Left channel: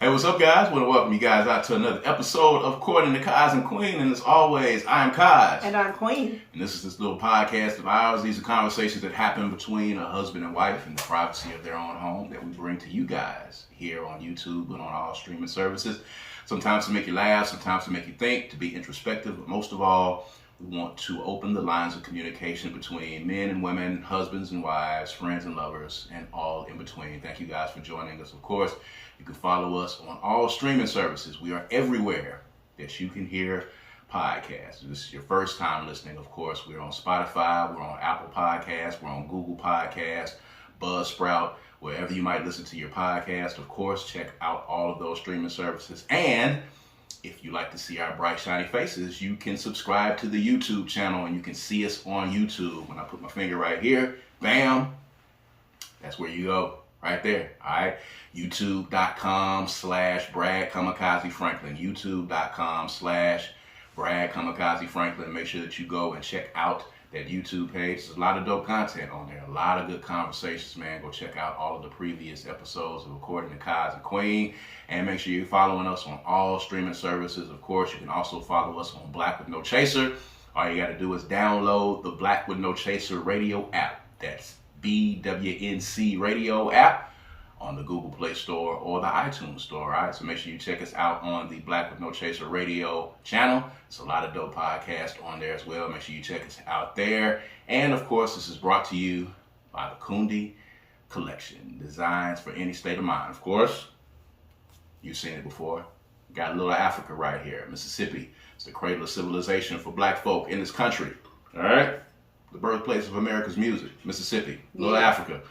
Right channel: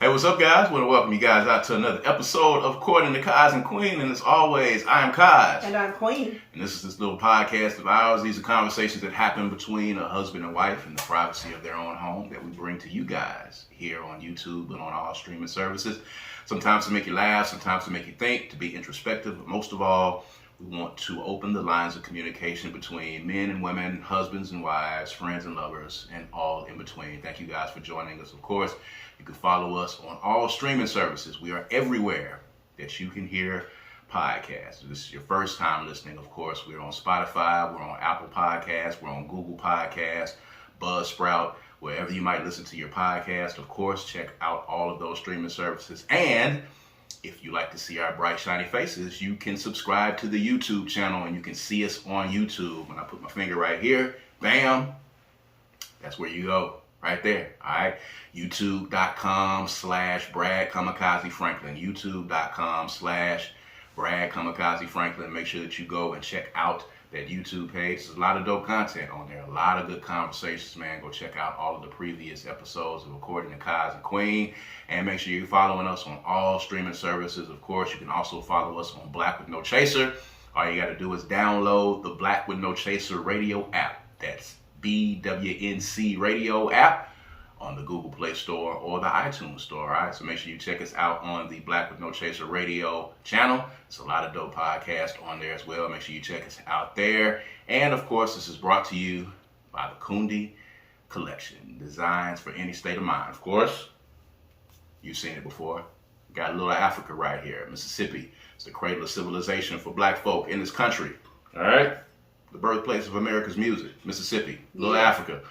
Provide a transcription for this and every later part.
Hey, what's up, guys? I want to welcome you guys out to another episode of Courting the Kaz and Queen. And as always, I am Kaz. And I'm Queen. And this is this little podcast of ours. These are conversations that happen between a husband and wife in the privacy of their own home that we bring to you guys here on YouTube and on all streaming services. Sometimes to make you laugh, sometimes to make you think, to be introspective. But most of all, we want to open the lines of communication between men and women, husbands and wives, friends and lovers, and all in between. Thank you guys for joining us, of course. You can follow us on all streaming services. We are everywhere that you can hear podcasts. If this is your first time listening, of course, we're on Spotify, we're on Apple Podcasts, we're on Google Podcasts, Buzzsprout, wherever you might listen to your podcast. Of course, check out all of those streaming services. And if you like to see our bright, shiny faces, you can subscribe to the YouTube channel and you can see us on YouTube. When I put my finger right here, bam, that's where you go. Right there, all right? YouTube.com/Brad Kamikaze Franklin. YouTube.com/Brad Kamikaze Franklin. Make sure that you go and check out that YouTube page. There's a lot of dope content on there. A lot of good conversations, man. Go check out all of the previous episodes of Recording the Kaz and Queen. And make sure you're following us on all streaming services. Of course, you can also follow us on Black with No Chaser. All you got to do is download the Black with No Chaser radio app. That's BWNC radio app on the Google Play Store or the iTunes Store, all right? So make sure you check us out on the Black with No Chaser radio channel. There's a lot of dope podcasts on there as well. Make sure you check us out there. And of course, this is brought to you by the Kundi Collection, designs for any state of mind. Of course, you've seen it before. Got a little Africa right here, Mississippi. It's the cradle of civilization for black folk in this country, all right? The birthplace of America's music, Mississippi, Little Africa.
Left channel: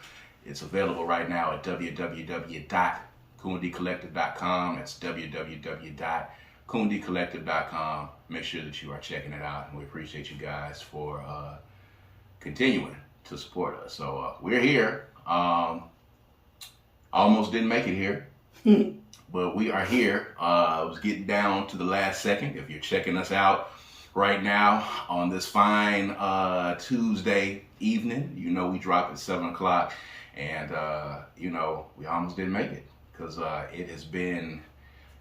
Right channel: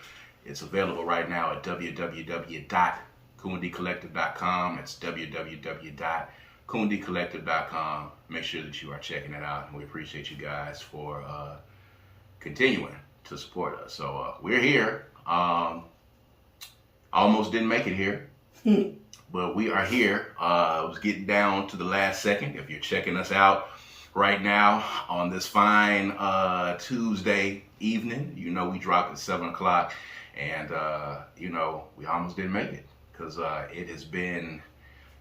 It's available right now at www.kundicollective.com. It's www.kundicollective.com. Make sure that you are checking it out, and we appreciate you guys for continuing to support us. So we're here. Almost didn't make it here, but we are here. I was getting down to the last second. If you're checking us out right now on this fine Tuesday evening, you know we dropped at 7 o'clock, and you know we almost didn't make it because it has been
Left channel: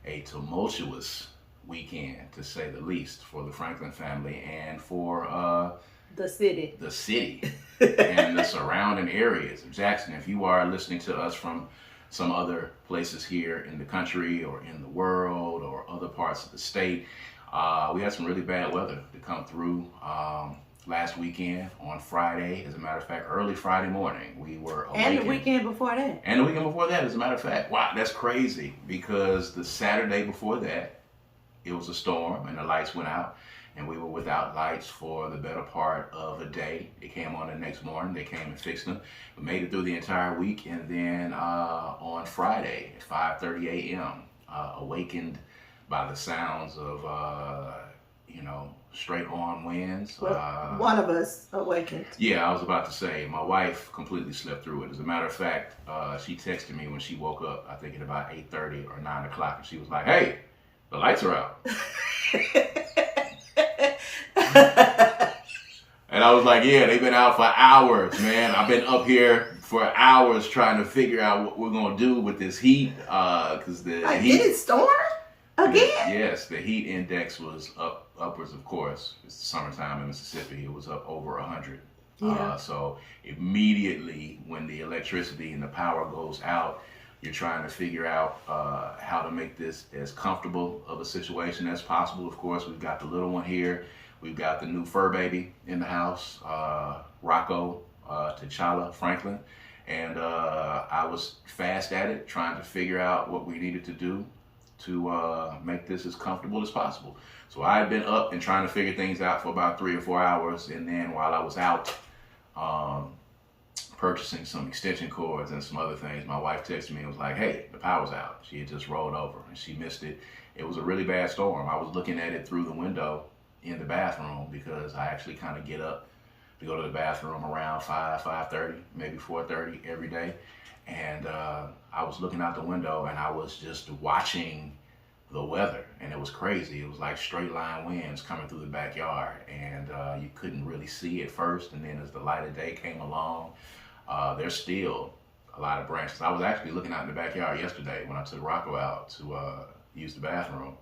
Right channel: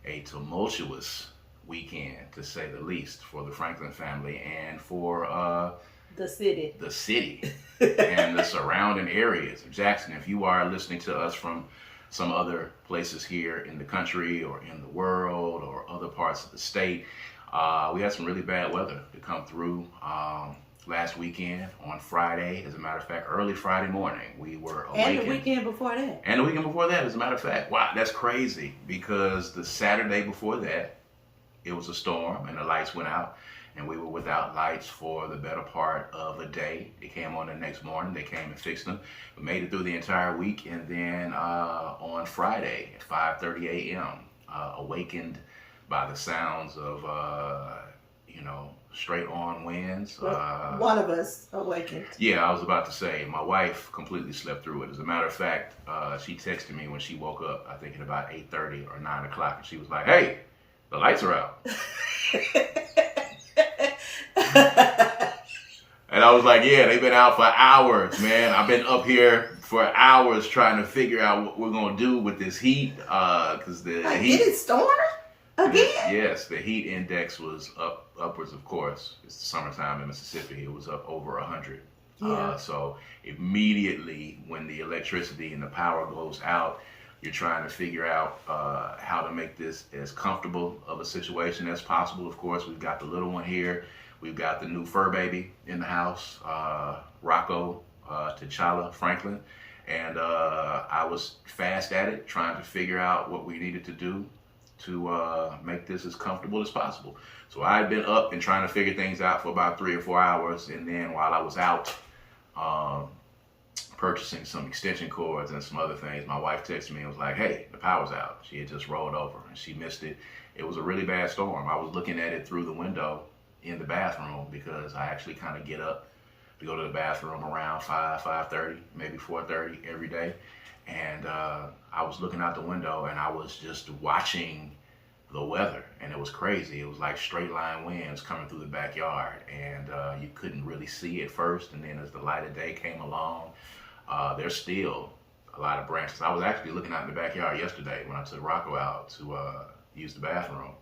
a tumultuous weekend, to say the least, for the Franklin family and for the city and the surrounding areas of Jackson. If you are listening to us from some other places here in the country or in the world or other parts of the state, we had some really bad weather to come through last weekend on Friday. As a matter of fact, early Friday morning, we were awakened. And the weekend before that. And the weekend before that, as a matter of fact. Wow, that's crazy, because the Saturday before that, it was a storm and the lights went out. And we were without lights for the better part of a day. It came on the next morning. They came and fixed them. We made it through the entire week. And then on Friday at 5:30 a.m., awakened by the sounds of, straight on winds. One of us awakened. Yeah, I was about to say, my wife completely slept through it. As a matter of fact, she texted me when she woke up, I think at about 8:30 or 9 o'clock, and she was like, hey, the lights are out. And I was like, yeah, they've been out for hours, man. I've been up here for hours trying to figure out what we're going to do with this heat. Because the heat... Did it storm again? Yes, the heat index was upwards, of course. It's the summertime in Mississippi. It was up over 100. Yeah. So immediately when the electricity and the power goes out, you're trying to figure out how to make this as comfortable of a situation as possible. Of course, we've got the little one here. We've got the new fur baby in the house, Rocco T'Challa Franklin. And I was fast at it, trying to figure out what we needed to do to make this as comfortable as possible. So I had been up and trying to figure things out for about 3 or 4 hours. And then while I was out purchasing some extension cords and some other things, my wife texted me and was like, hey, the power's out. She had just rolled over and she missed it. It was a really bad storm. I was looking at it through the window in the bathroom, because I actually kind of get up to go to the bathroom around 5:30, maybe 4:30 every day. And I was looking out the window and I was just watching the weather, and it was crazy. It was like straight line winds coming through the backyard, and you couldn't really see at first. And then as the light of day came along, there's still a lot of branches. I was actually looking out in the backyard yesterday when I took Rocco out to use the bathroom.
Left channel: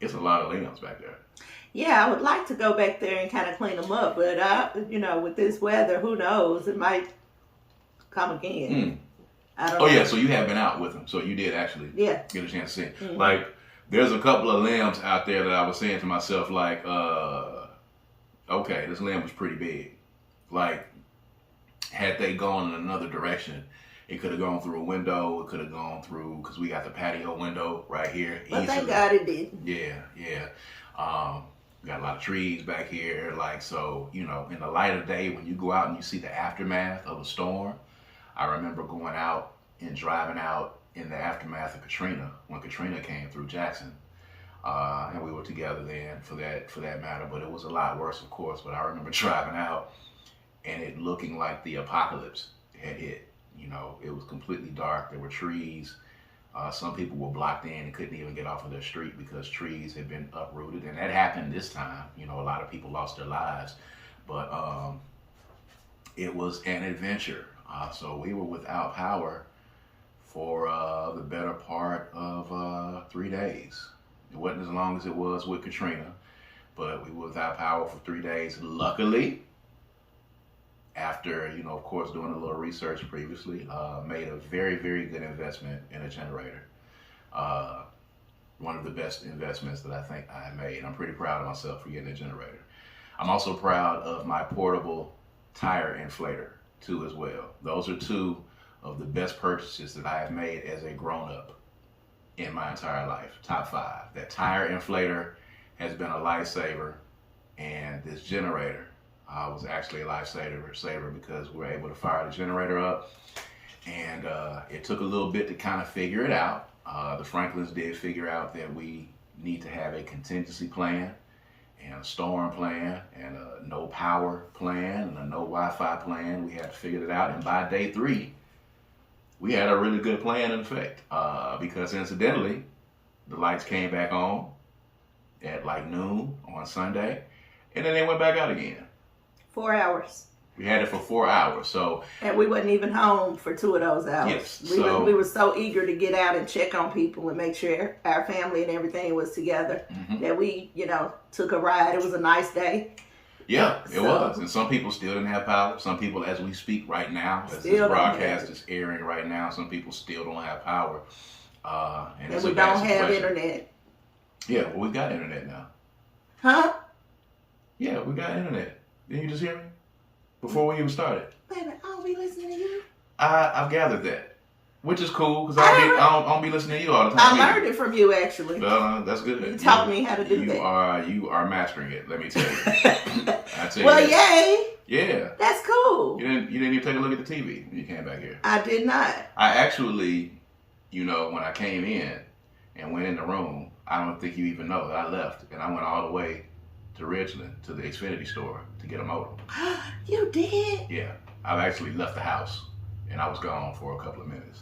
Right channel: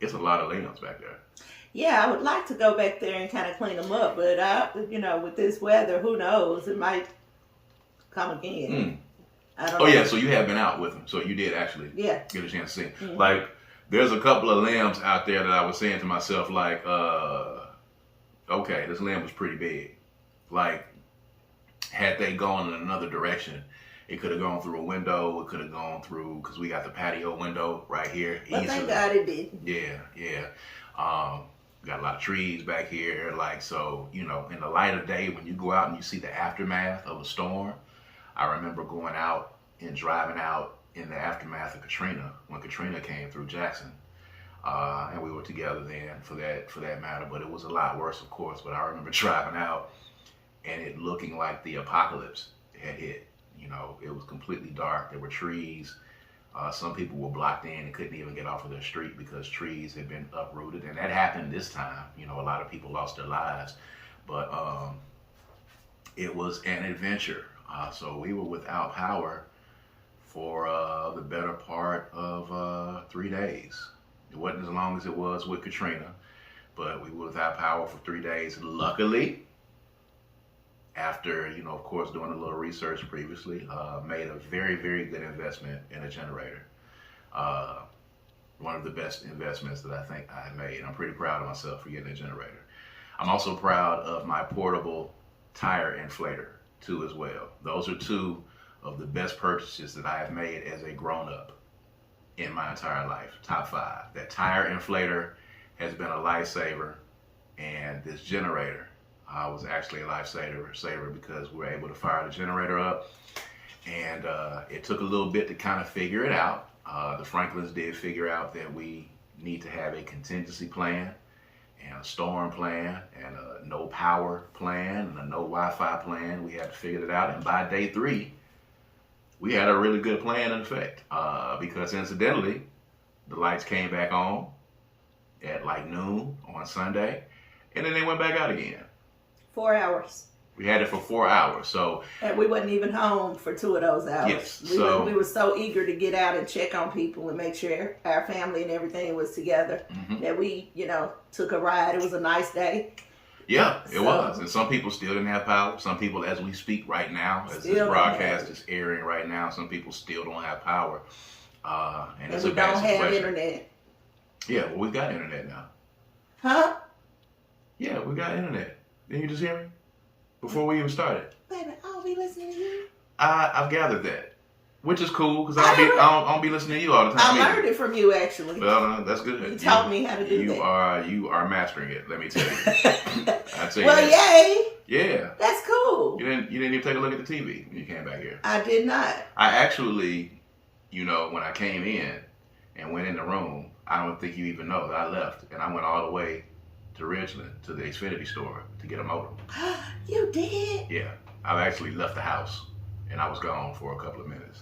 It's a lot of limbs back there. Yeah, I would like to go back there and kind of clean them up, but with this weather, who knows? It might come again. I don't know. Yeah, so you have been out with them, so you did actually get a chance to see. Mm-hmm. Like, there's a couple of limbs out there that I was saying to myself, like, okay, this limb was pretty big. Like, had they gone in another direction, it could have gone through a window. It could have gone through, because we got the patio window right here. But thank God it didn't. Yeah. We got a lot of trees back here. Like, so, in the light of day, when you go out and you see the aftermath of a storm, I remember going out and driving out in the aftermath of Katrina, when Katrina came through Jackson. And we were together then for that matter, but it was a lot worse, of course. But I remember driving out and it looking like the apocalypse had hit. It was completely dark. There were trees. Some people were blocked in and couldn't even get off of their street because trees had been uprooted. And that happened this time. A lot of people lost their lives. But it was an adventure. So we were without power for the better part of 3 days. It wasn't as long as it was with Katrina, but we were without power for 3 days. Luckily, after, of course, doing a little research previously, made a very, very good investment in a generator. One of the best investments that I think I made. I'm pretty proud of myself for getting a generator. I'm also proud of my portable tire inflator, too, as well. Those are two of the best purchases that I have made as a grown-up in my entire life. Top 5. That tire inflator has been a lifesaver, and this generator was actually a lifesaver because we were able to fire the generator up, and it took a little bit to kind of figure it out. The Franklins did figure out that we need to have a contingency plan and a storm plan and a no power plan and a no Wi-Fi plan. We had to figure it out, and by day 3, we had a really good plan in effect because incidentally, the lights came back on at like noon on Sunday, and then they went back out again. 4 hours. We had it for 4 hours, and we wasn't even home for 2 of those hours. Yes, we were so eager to get out and check on people and make sure our family and everything was together that we, took a ride. It was a nice day. Yeah, it was. And some people still didn't have power. Some people, as we speak right now, as this broadcast is airing right now, some people still don't have power. And we don't have internet. Yeah, well, we've got internet now. Huh? Yeah, we got internet. Didn't you just hear me? Before we even started. Baby, I don't be listening to you. I've gathered that. Which is cool, because I don't be listening to you all the time. I learned it from you, actually. Well, that's good. You taught me how to do that. You are mastering it, let me tell you. Well, yay. Yeah. That's cool. You didn't even take a look at the TV when you came back here. I did not. I actually, when I came in and went in the room, I don't think you even know that I left. And I went all the way to Ridgeland, to the Xfinity store, to get a modem. You did? Yeah. I've actually left the house, and I was gone for a couple of minutes.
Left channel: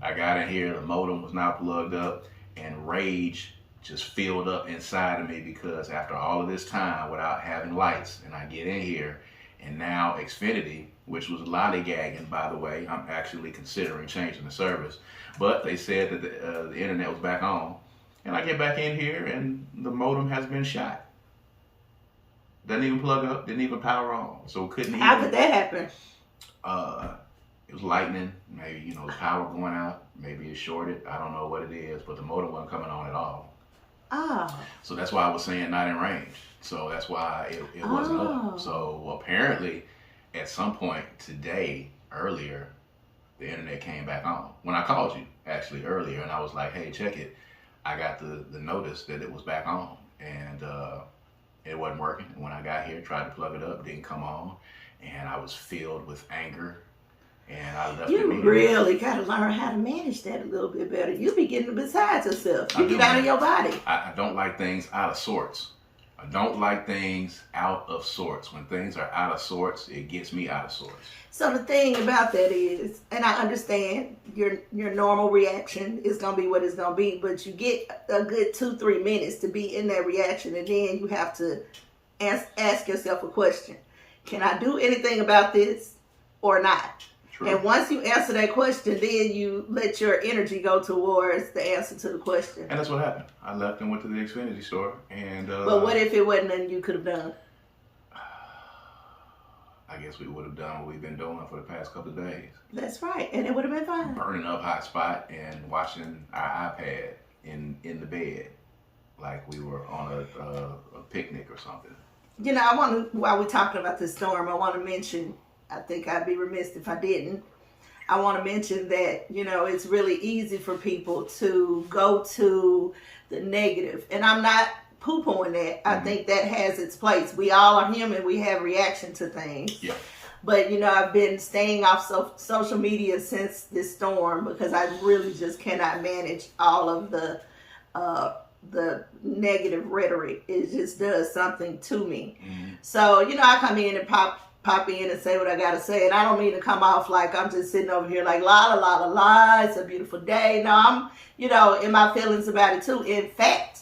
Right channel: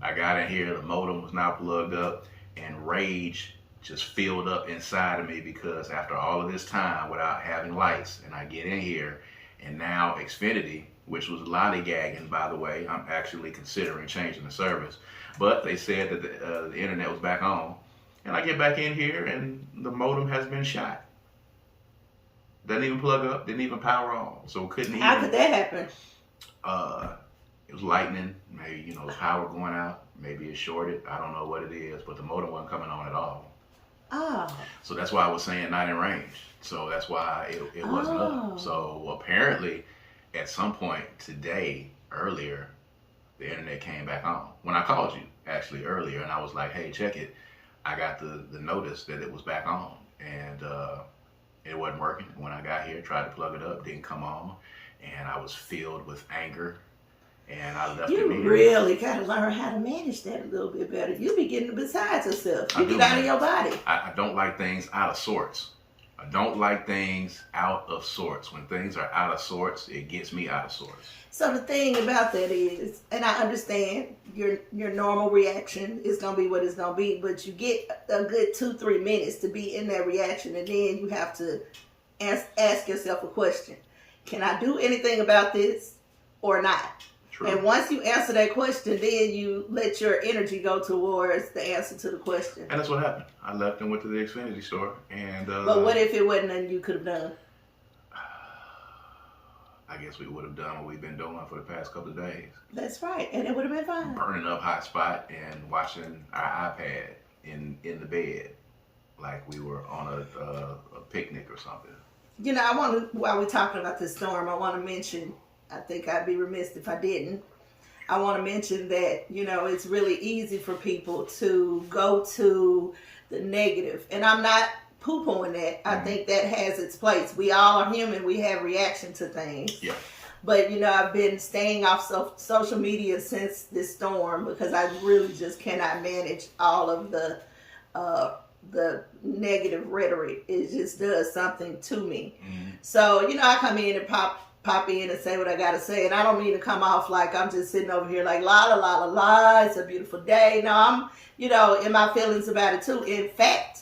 I got in here, the modem was now plugged up, and rage just filled up inside of me because after all of this time without having lights, and I get in here, and now Xfinity, which was lollygagging, by the way, I'm actually considering changing the service, but they said that the internet was back on, and I get back in here, and the modem has been shot. Doesn't even plug up, didn't even power on, so couldn't even. How could that happen? It was lightning, maybe, the power going out, maybe it shorted, I don't know what it is, but the modem wasn't coming on at all. Oh. So that's why I was saying not in range. So that's why it wasn't up. So apparently, at some point today, earlier, the internet came back on. When I called you, actually, earlier, and I was like, hey, check it. I got the notice that it was back on, and it wasn't working. When I got here, tried to plug it up, didn't come on, and I was filled with anger. And I left You really got to learn how to manage that a little bit better. You be getting beside yourself. You get out of your body. I don't like things out of sorts. I don't like things out of sorts. When things are out of sorts, it gets me out of sorts. So the thing about that is, and I understand your normal reaction is going to be what it's going to be, but you get a good 2-3 minutes to be in that reaction, and then you have to ask yourself a question. Can I do anything about this? or not. True. And once you answer that question, then you let your energy go towards the answer to the question. And that's what happened. I left and went to the Xfinity store. And but what if it wasn't nothing you could have done? I guess we would have done what we've been doing for the past couple of days. That's right. And it would have been fine. Burning up hotspot and watching our iPad in the bed like we were on a picnic or something. You know, I want to, while we're talking about this storm, I want to mention, I think I'd be remiss if I didn't. I want to mention that, you know, it's really easy for people to go to the negative. And I'm not poo-pooing that. I think that has its place. We all are human. We have reaction to things. Yeah. But, you know, I've been staying off social media since this storm because I really just cannot manage all of the negative rhetoric. It just does something to me. So, you know, I come in and pop in and say what I got to say. And I don't mean to come off like I'm just sitting over here like, la, la, la, la, la, it's a beautiful day. No, I'm, you know, in my feelings about it too. In fact,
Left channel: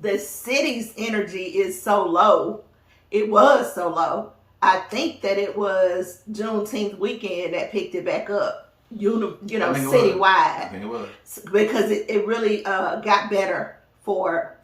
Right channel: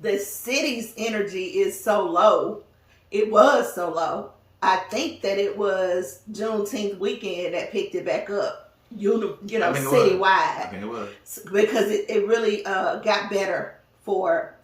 the city's energy is so low. It was so low. I think that it was Juneteenth weekend that picked it back up, citywide. I think it was. Because it really got better for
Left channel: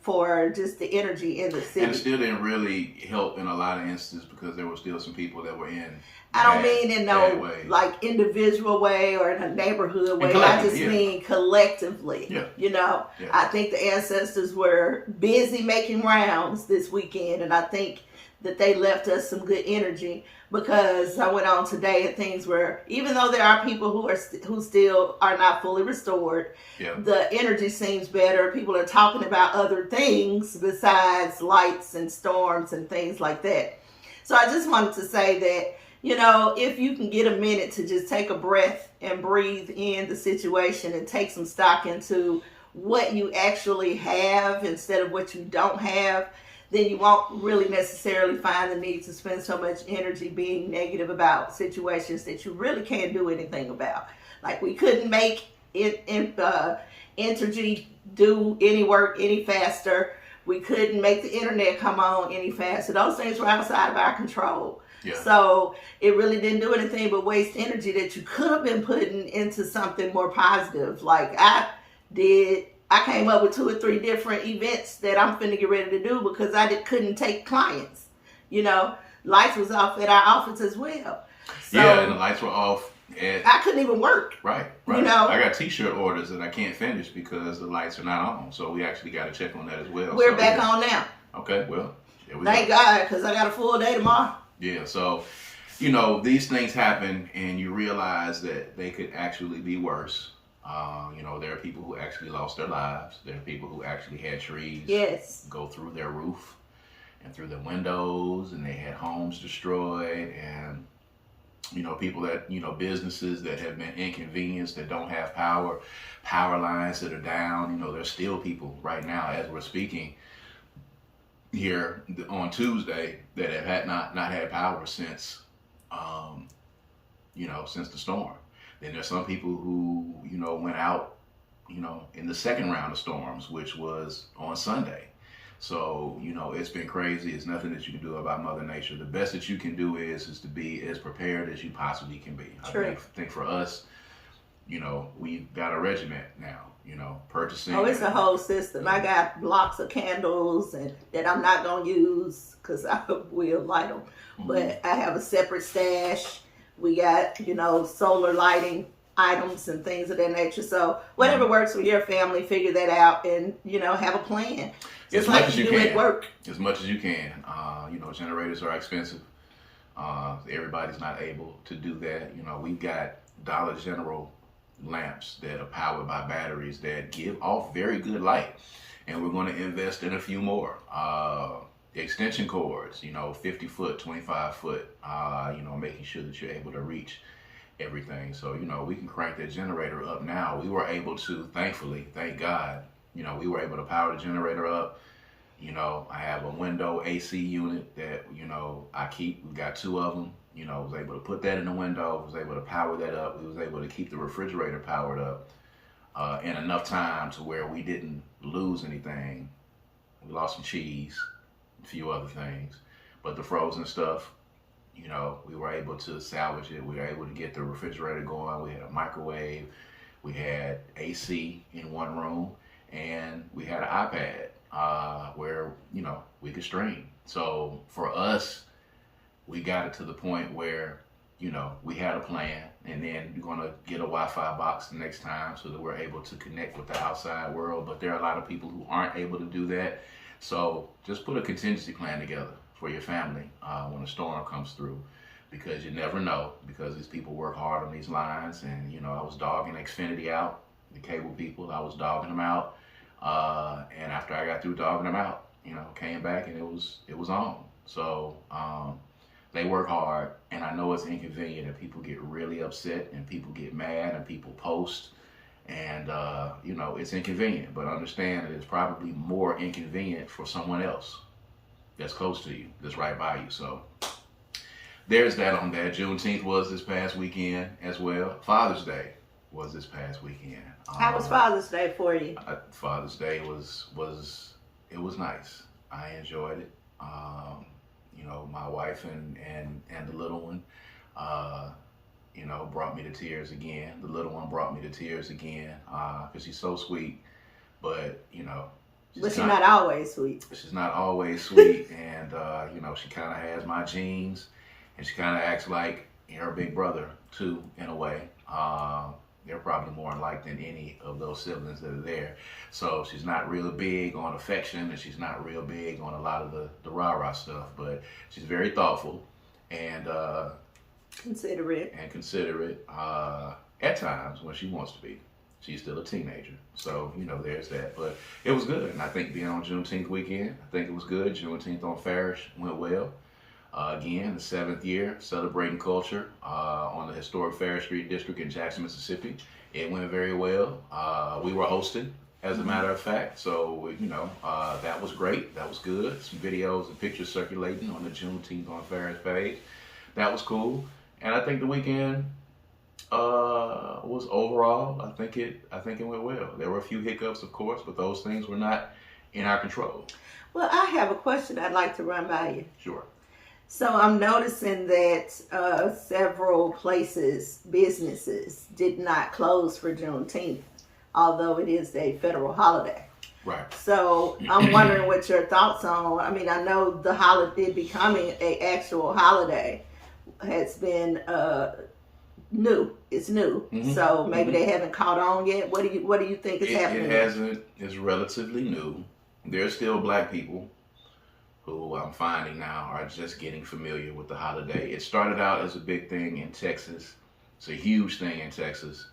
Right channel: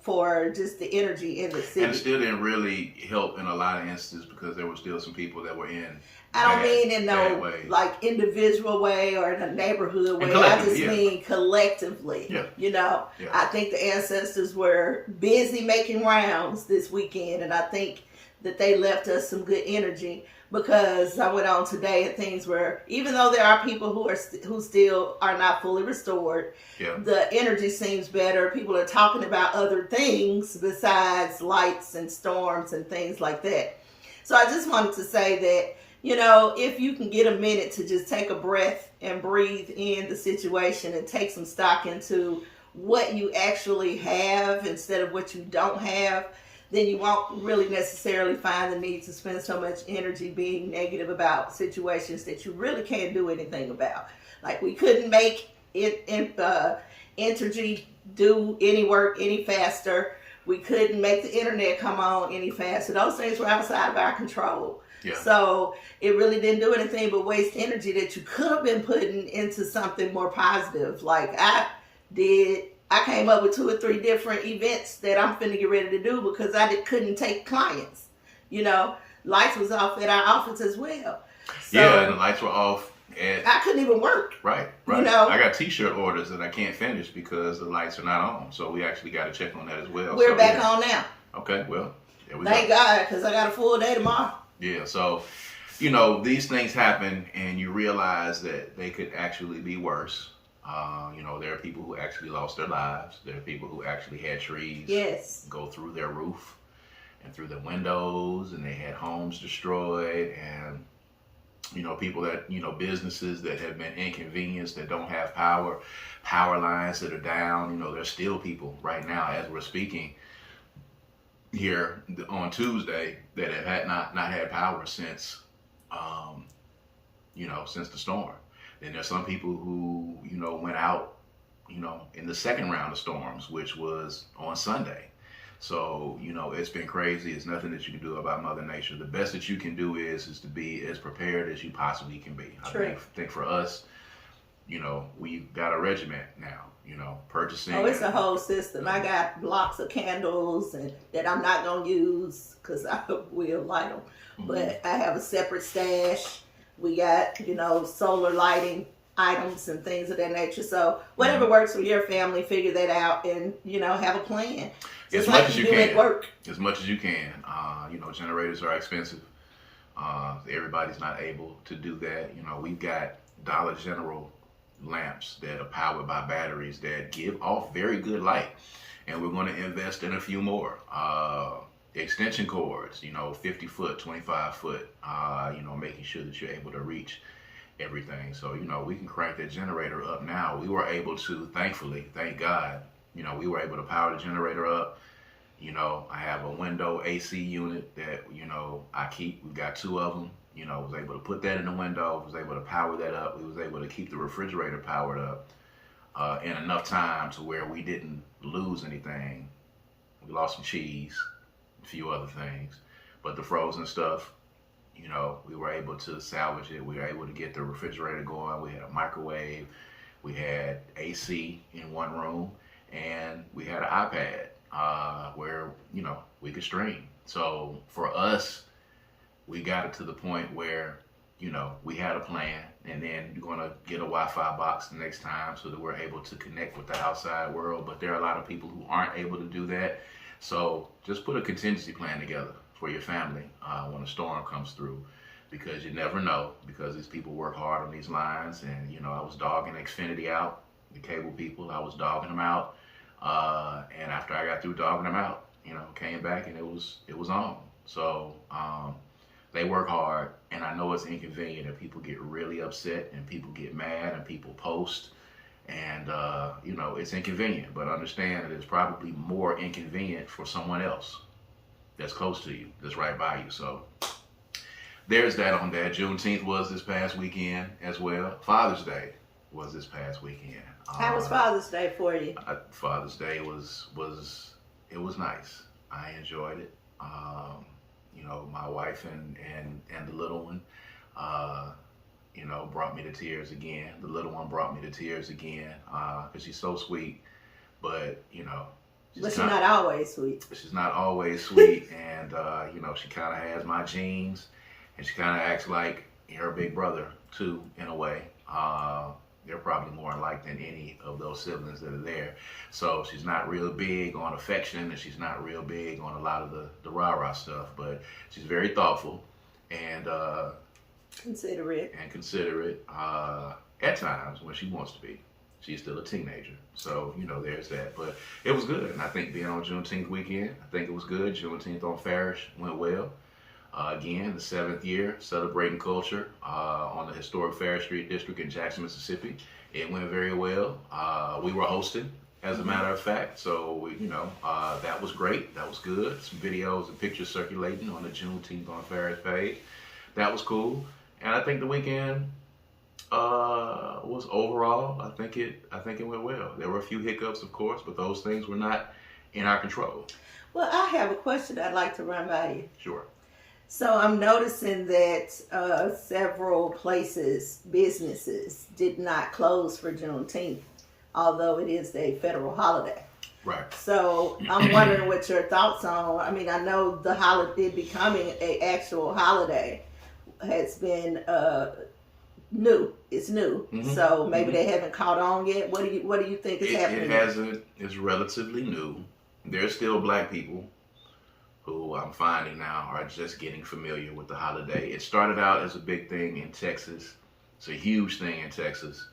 just the energy in the city. And it still didn't really help in a lot of instances because there were still some people that were in I don't mean in no like individual way or in a neighborhood way. I just mean collectively. Yeah. You know, I think the ancestors were busy making rounds this weekend, and I think that they left us some good energy because I went on today and things were, even though there are people who still are not fully restored, the energy seems better. People are talking about other things besides lights and storms and things like that. So I just wanted to say that, you know, if you can get a minute to just take a breath and breathe in the situation and take some stock into what you actually have instead of what you don't have, then you won't really necessarily find the need to spend so much energy being negative about situations that you really can't do anything about. Like we couldn't make Entergy do any work any faster. We couldn't make the internet come on any faster. Those things were outside of our control. Yeah. So it really didn't do anything but waste energy that you could have been putting into something more positive. Like I came up with 2 or 3 different events that I'm finna get ready to do because couldn't take clients. You know, lights was off at our office as well. So, yeah, and the lights were off. I couldn't even work. Right. You know, I got T-shirt orders that I can't finish because the lights are not on. So we actually got to check on that as well. We're back on now. Okay, well, there we Thank God, because I got a full day tomorrow. Yeah, so, you know, these things happen and you realize that they could actually be worse. You know, there are people who actually lost their lives. There are people who actually had trees go through their roof and through their windows, and they had homes destroyed, and, you know, people that, you know, businesses that have been inconvenienced, that don't have power lines that are down. You know, there's still people right now as we're speaking here on Tuesday that have not had power since, since the storm. Then there's some people who, you know, went out, you know, in the second round of storms, which was on Sunday. So, you know, it's been crazy. It's nothing that you can do about Mother Nature. The best that you can do is to be as prepared as you possibly can be. I think for us, you know, we've got a regiment now, you know, purchasing. Oh, it's a whole system. I got blocks of candles and that I'm not going to use because I will light them. But I have a separate stash. We got, you know, solar lighting items and things of that nature. So whatever works for your family, figure that out and, you know, have a plan. Just like you do at work. As much as you can. You know, generators are expensive. Everybody's not able to do that. You know, we've got Dollar General lamps that are powered by batteries that give off very good light. And we're going to invest in a few more. Extension cords, you know, 50 foot, 25 foot, you know, making sure that you're able to reach everything. So, you know, we can crank that generator up now. We were able to, thankfully, thank God, you know, we were able to power the generator up. You know, I have a window AC unit that, you know, I keep. We've got 2 of them. You know, was able to put that in the window, was able to power that up. We was able to keep the refrigerator powered up in enough time to where we didn't lose anything. We lost some cheese, a few other things, but the frozen stuff, we were able to salvage it. We were able to get the refrigerator going. We had a microwave. We had AC in one room, and we had an iPad where, we could stream. So for us, we got it to the point where, we had a plan, and then you're going to get a Wi-Fi box the next time so that we're able to connect with the outside world. But there are a lot of people who aren't able to do that. So just put a contingency plan together for your family when a storm comes through, because you never know, because these people work hard on these lines. And, I was dogging Xfinity out, the cable people. I was dogging them out. And after I got through dogging them out, came back and it was on. So they work hard, and I know it's inconvenient, and people get really upset, and people get mad, and people post, and it's inconvenient. But understand that it's probably more inconvenient for someone else that's close to you, that's right by you. So there's that on that. Juneteenth was this past weekend as well. Father's Day was this past weekend. How was Father's Day for you? Father's Day was nice. I enjoyed it. My wife and the little one, brought me to tears again. The little one brought me to tears again because she's so sweet, but But she's not always sweet. She's not always sweet, and she kind of has my genes, and she kind of acts like her big brother too, in a way. They're probably more alike than any of those siblings that are there. So she's not real big on affection, and she's not real big on a lot of the rah-rah stuff, but she's very thoughtful and considerate at times when she wants to be. She's still a teenager. So, there's that. But it was good. And I think being on Juneteenth weekend, I think it was good. Juneteenth on Farish went well. Again, the 7th year, celebrating culture on the historic Farish Street District in Jackson, Mississippi. It went very well. We were hosting, as a matter of fact. So, that was great. That was good. Some videos and pictures circulating on the Juneteenth on Farish page. That was cool. And I think the weekend was overall, I think it went well. There were a few hiccups, of course, but those things were not in our control. Well, I have a question I'd like to run by you. Sure. So I'm noticing that several places, businesses, did not close for Juneteenth, although it is a federal holiday. Right. So I'm wondering what your thoughts on. I mean, I know the holiday becoming an actual holiday has been new. It's new. Mm-hmm. So maybe they haven't caught on yet. What do you think is happening? It hasn't. It's relatively new. There's still black people who I'm finding now are just getting familiar with the holiday. It started out as a big thing in Texas. It's a huge thing in Texas.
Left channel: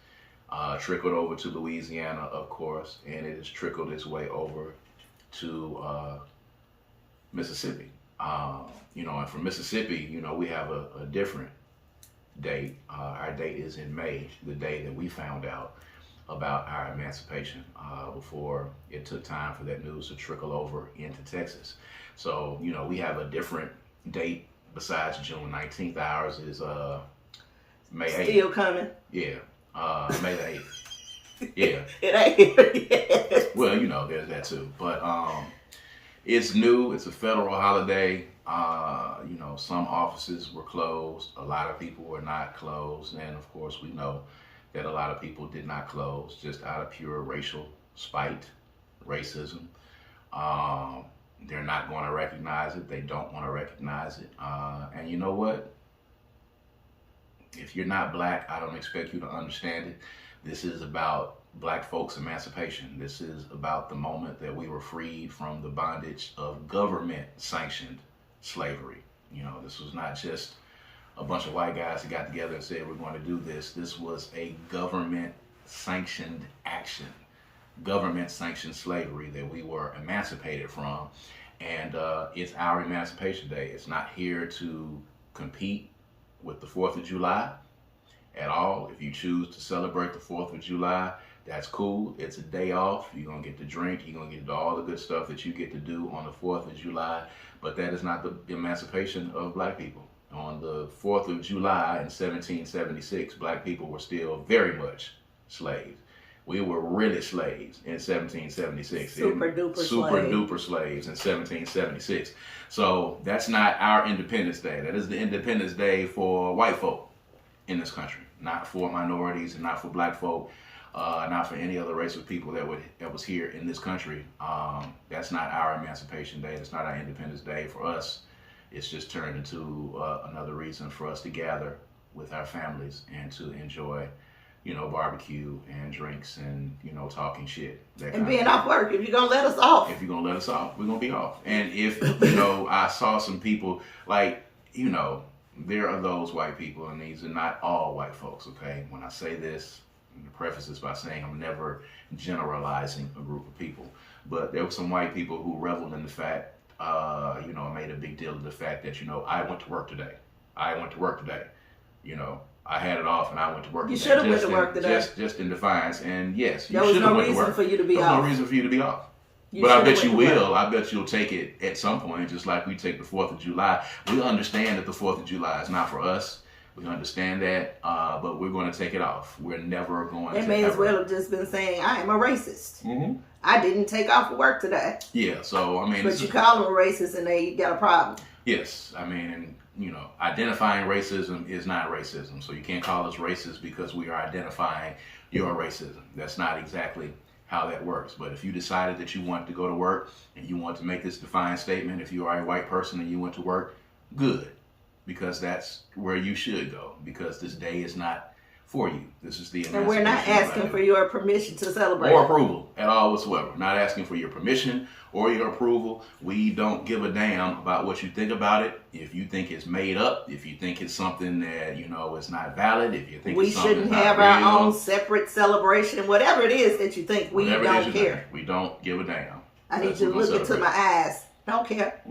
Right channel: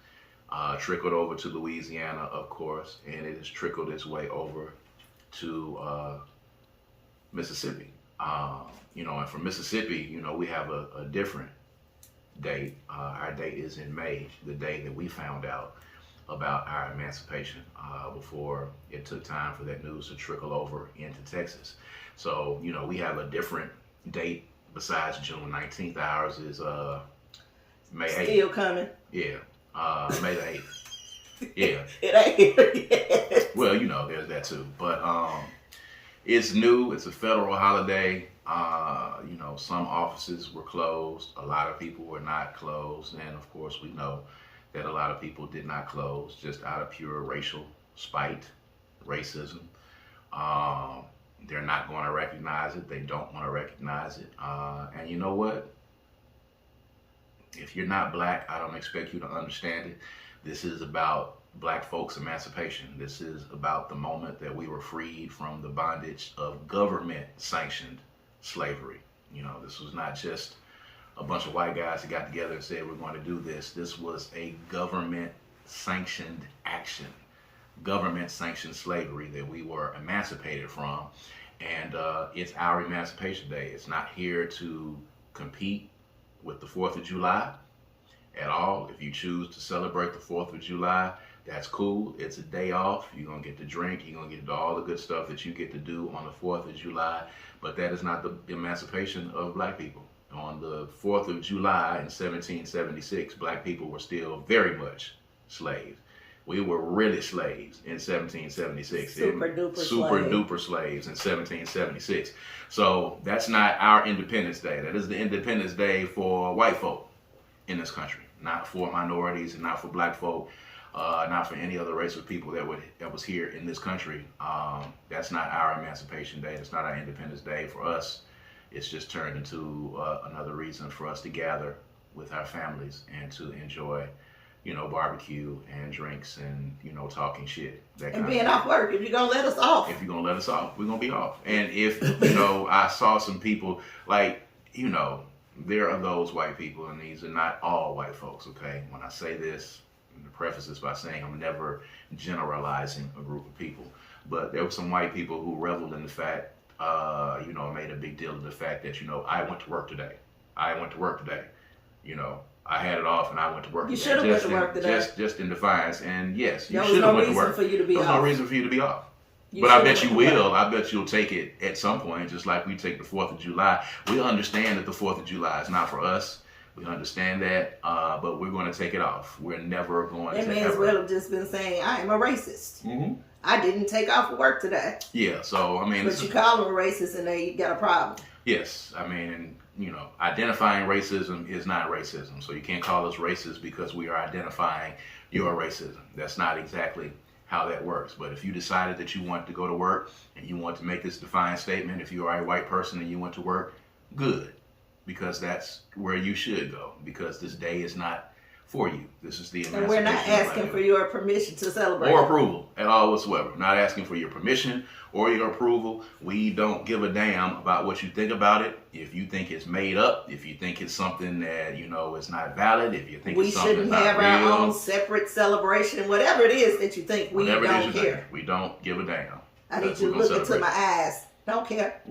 Trickled over to Louisiana, of course, and it has trickled its way over to Mississippi. And from Mississippi, we have a different date. Our date is in May, the day that we found out about our emancipation before it took time for that news to trickle over into Texas. So, we have a different date besides June 19th. Ours is May 8th. Still coming. Yeah. May the 8th. Yeah. It ain't here yet. Well, there's that too. But it's new. It's a federal holiday. Some offices were closed. A lot of people were not closed. And of course, we know that a lot of people did not close just out of pure racial spite, racism. They're not going to recognize it. They don't want to recognize it. And you know what? If you're not black, I don't expect you to understand it. This is about black folks' emancipation. This is about the moment that we were freed from the bondage of government-sanctioned slavery. This was not just a bunch of white guys that got together and said, we're going to do this. This was a government-sanctioned action, government-sanctioned slavery that we were emancipated from. And it's our Emancipation Day. It's not here to compete with the 4th of July at all. If you choose to celebrate the 4th of July, that's cool. It's a day off. You're going to get to drink. You're going to get all the good stuff that you get to do on the 4th of July. But that is not the emancipation of black people. On the 4th of July in 1776, black people were still very much slaves. We were really slaves in 1776. Super duper slaves in 1776. So that's not our Independence Day. That is the Independence Day for white folk in this country, not for minorities and not for black folk, not for any other race of people that was here in this country. That's not our Emancipation Day. It's not our Independence Day. For us, it's just turned into another reason for us to gather with our families and to enjoy, barbecue and drinks and, talking shit. And being off work. If you're going to let us off. If you're going to let us off, we're going to be off. And if, I saw some people there are those white people, and these are not all white folks, okay? When I say this, I'm going to preface this by saying I'm never generalizing a group of people. But there were some white people who reveled in the fact, made a big deal of the fact that, I went to work today. I had it off and I went to work today. You should have went to work today. Just in defiance. And yes, there was no reason for you to be off. There was no reason for you to be off. But I bet you will. I bet you'll take it at some point, just like we take the 4th of July. We understand that the 4th of July is not for us. We understand that, but we're going to take it off. We're never going to. They may as well have just been saying, I am a racist. Mm-hmm. I didn't take off for work today. Yeah, so, But you call them a racist and they got a problem. Yes, identifying racism is not racism. So you can't call us racist because we are identifying your racism. That's not exactly how that works. But if you decided that you want to go to work and you want to make this defiant statement, if you are a white person and you went to work, good. Because that's where you should go. Because this day is not for you. This is the And we're not asking for your permission to celebrate. Or approval at all whatsoever. Not asking for your permission or your approval. We don't give a damn about what you think about it. If you think it's made up, if you think it's something that, is not valid, if you think we it's something shouldn't that's have not our real, own separate celebration, whatever it is that you think, we don't care. We don't give a damn. I need you to look into my eyes. Don't care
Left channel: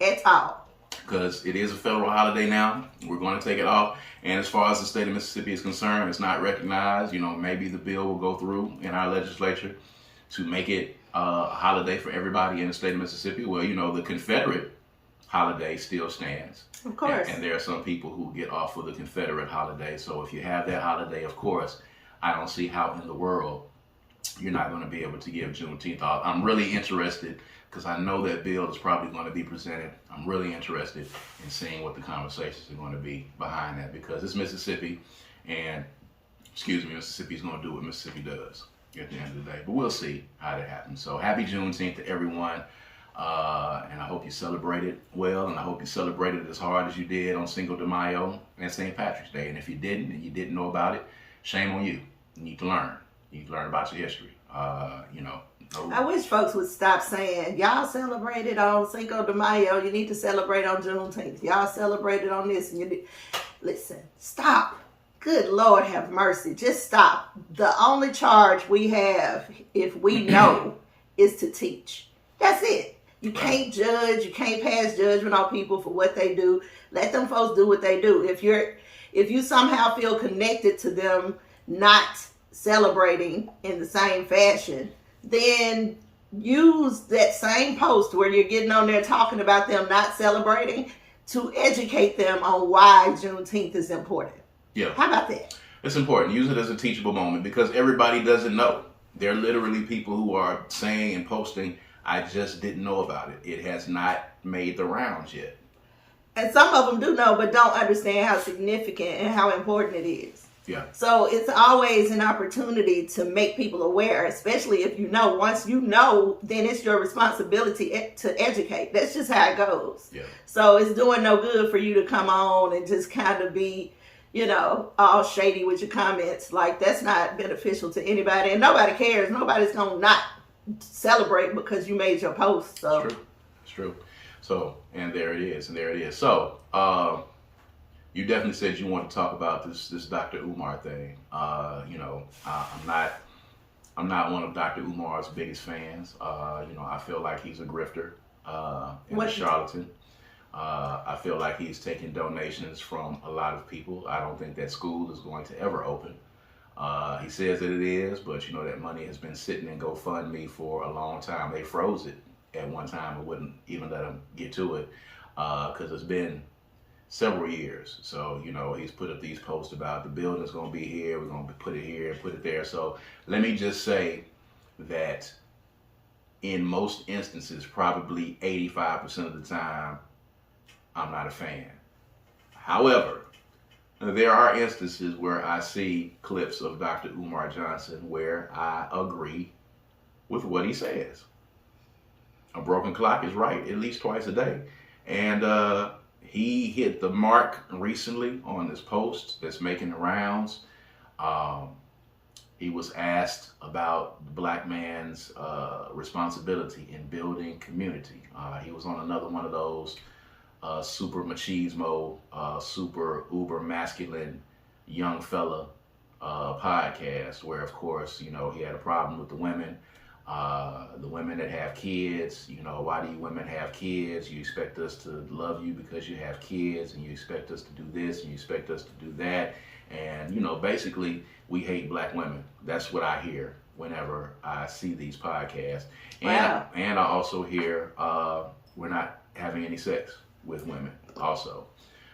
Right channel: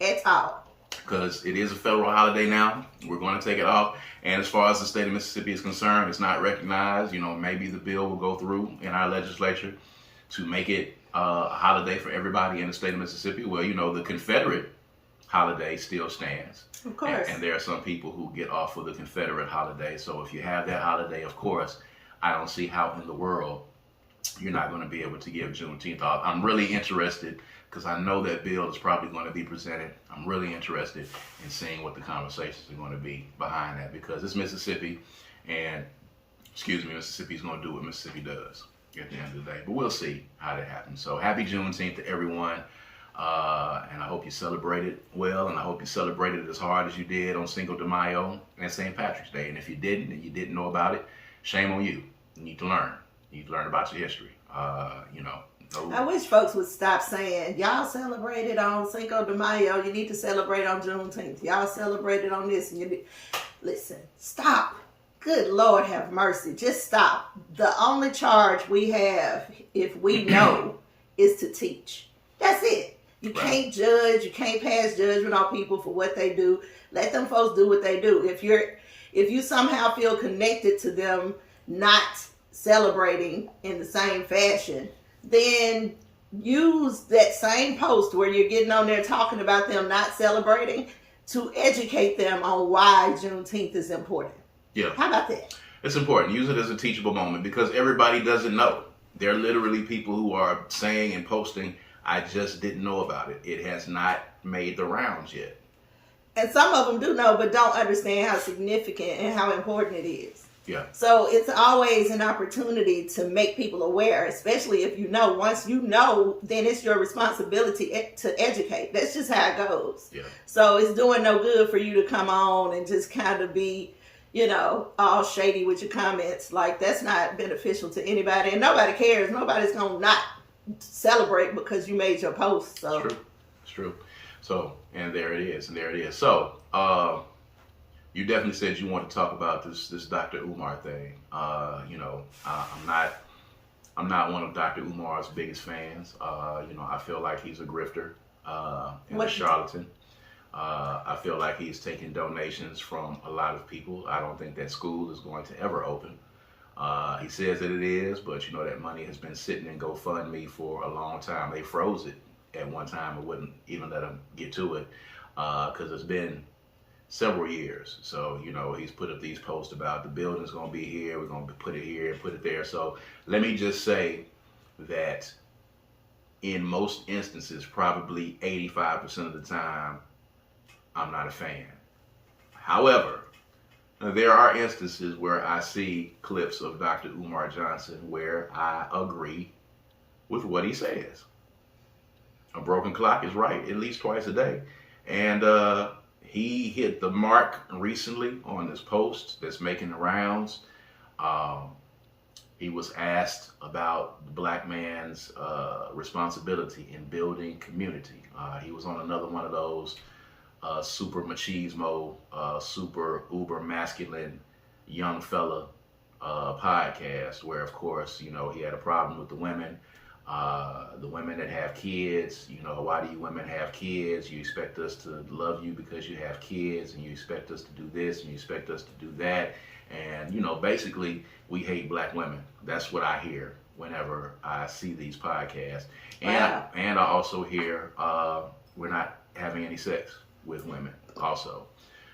at all. Because it is a federal holiday now. We're going to take it off. And as far as the state of Mississippi is concerned, it's not recognized. Maybe the bill will go through in our legislature to make it a holiday for everybody in the state of Mississippi. Well, the Confederate holiday still stands. Of course. And there are some people who get off of the Confederate holiday. So if you have that holiday, of course, I don't see how in the world you're not going to be able to give Juneteenth off. I'm really interested because I know that bill is probably going to be presented. I'm really interested in seeing what the conversations are going to be behind that, because it's Mississippi, and Mississippi is going to do what Mississippi does at the end of the day. But we'll see how that happens. So happy Juneteenth to everyone, and I hope you celebrated well, and I hope you celebrated as hard as you did on Cinco de Mayo and St. Patrick's Day. And if you didn't, and you didn't know about it, shame on you. You need to learn. You need to learn about your history. I wish folks would stop saying, y'all celebrated on Cinco de Mayo, you need to celebrate on Juneteenth. Y'all celebrated on this. And listen, stop. Good Lord have mercy. Just stop. The only charge we have, if we know, is to teach. That's it. You can't judge. You can't pass judgment on people for what they do. Let them folks do what they do. If you somehow feel connected to them not celebrating in the same fashion, then use that same post where you're getting on there talking about them not celebrating to educate them on why Juneteenth is important. Yeah. How about that? It's important. Use it as a teachable moment, because everybody doesn't know. There are literally people who are saying and posting, I just didn't know about it. It has not made the rounds yet. And some of them do know, but don't understand how significant and how important it is. Yeah. So it's always an opportunity to make people aware, especially if you know. Once you know, then it's your responsibility to educate. That's just how it goes. Yeah. So it's doing no good for you to come on and just kind of be, all shady with your comments. Like, that's not beneficial to anybody, and nobody cares. Nobody's going to not celebrate because you made your post. So It's true. So, and there it is. So, you definitely said you want to talk about this Dr. Umar thing. I'm not one of Dr. Umar's biggest fans. I feel like he's a grifter and a charlatan. I feel like he's taking donations from a lot of people. I don't think that school is going to ever open. He says that it is, but that money has been sitting in GoFundMe for a long time. They froze it at one time and wouldn't even let him get to it because it's been several years. So, he's put up these posts about the building's going to be here, we're going to put it here, put it there. So let me just say that in most instances, probably 85% of the time, I'm not a fan. However, there are instances where I see clips of Dr. Umar Johnson where I agree with what he says. A broken clock is right at least twice a day. And he hit the mark recently on this post that's making the rounds. He was asked about the black man's responsibility in building community. He was on another one of those super machismo, super uber masculine young fella podcast where, of course, he had a problem with the women that have kids. Why do you women have kids? You expect us to love you because you have kids, and you expect us to do this, and you expect us to do that. And, basically, we hate black women. That's what I hear whenever I see these podcasts. Wow. And I also hear we're not having any sex with women also.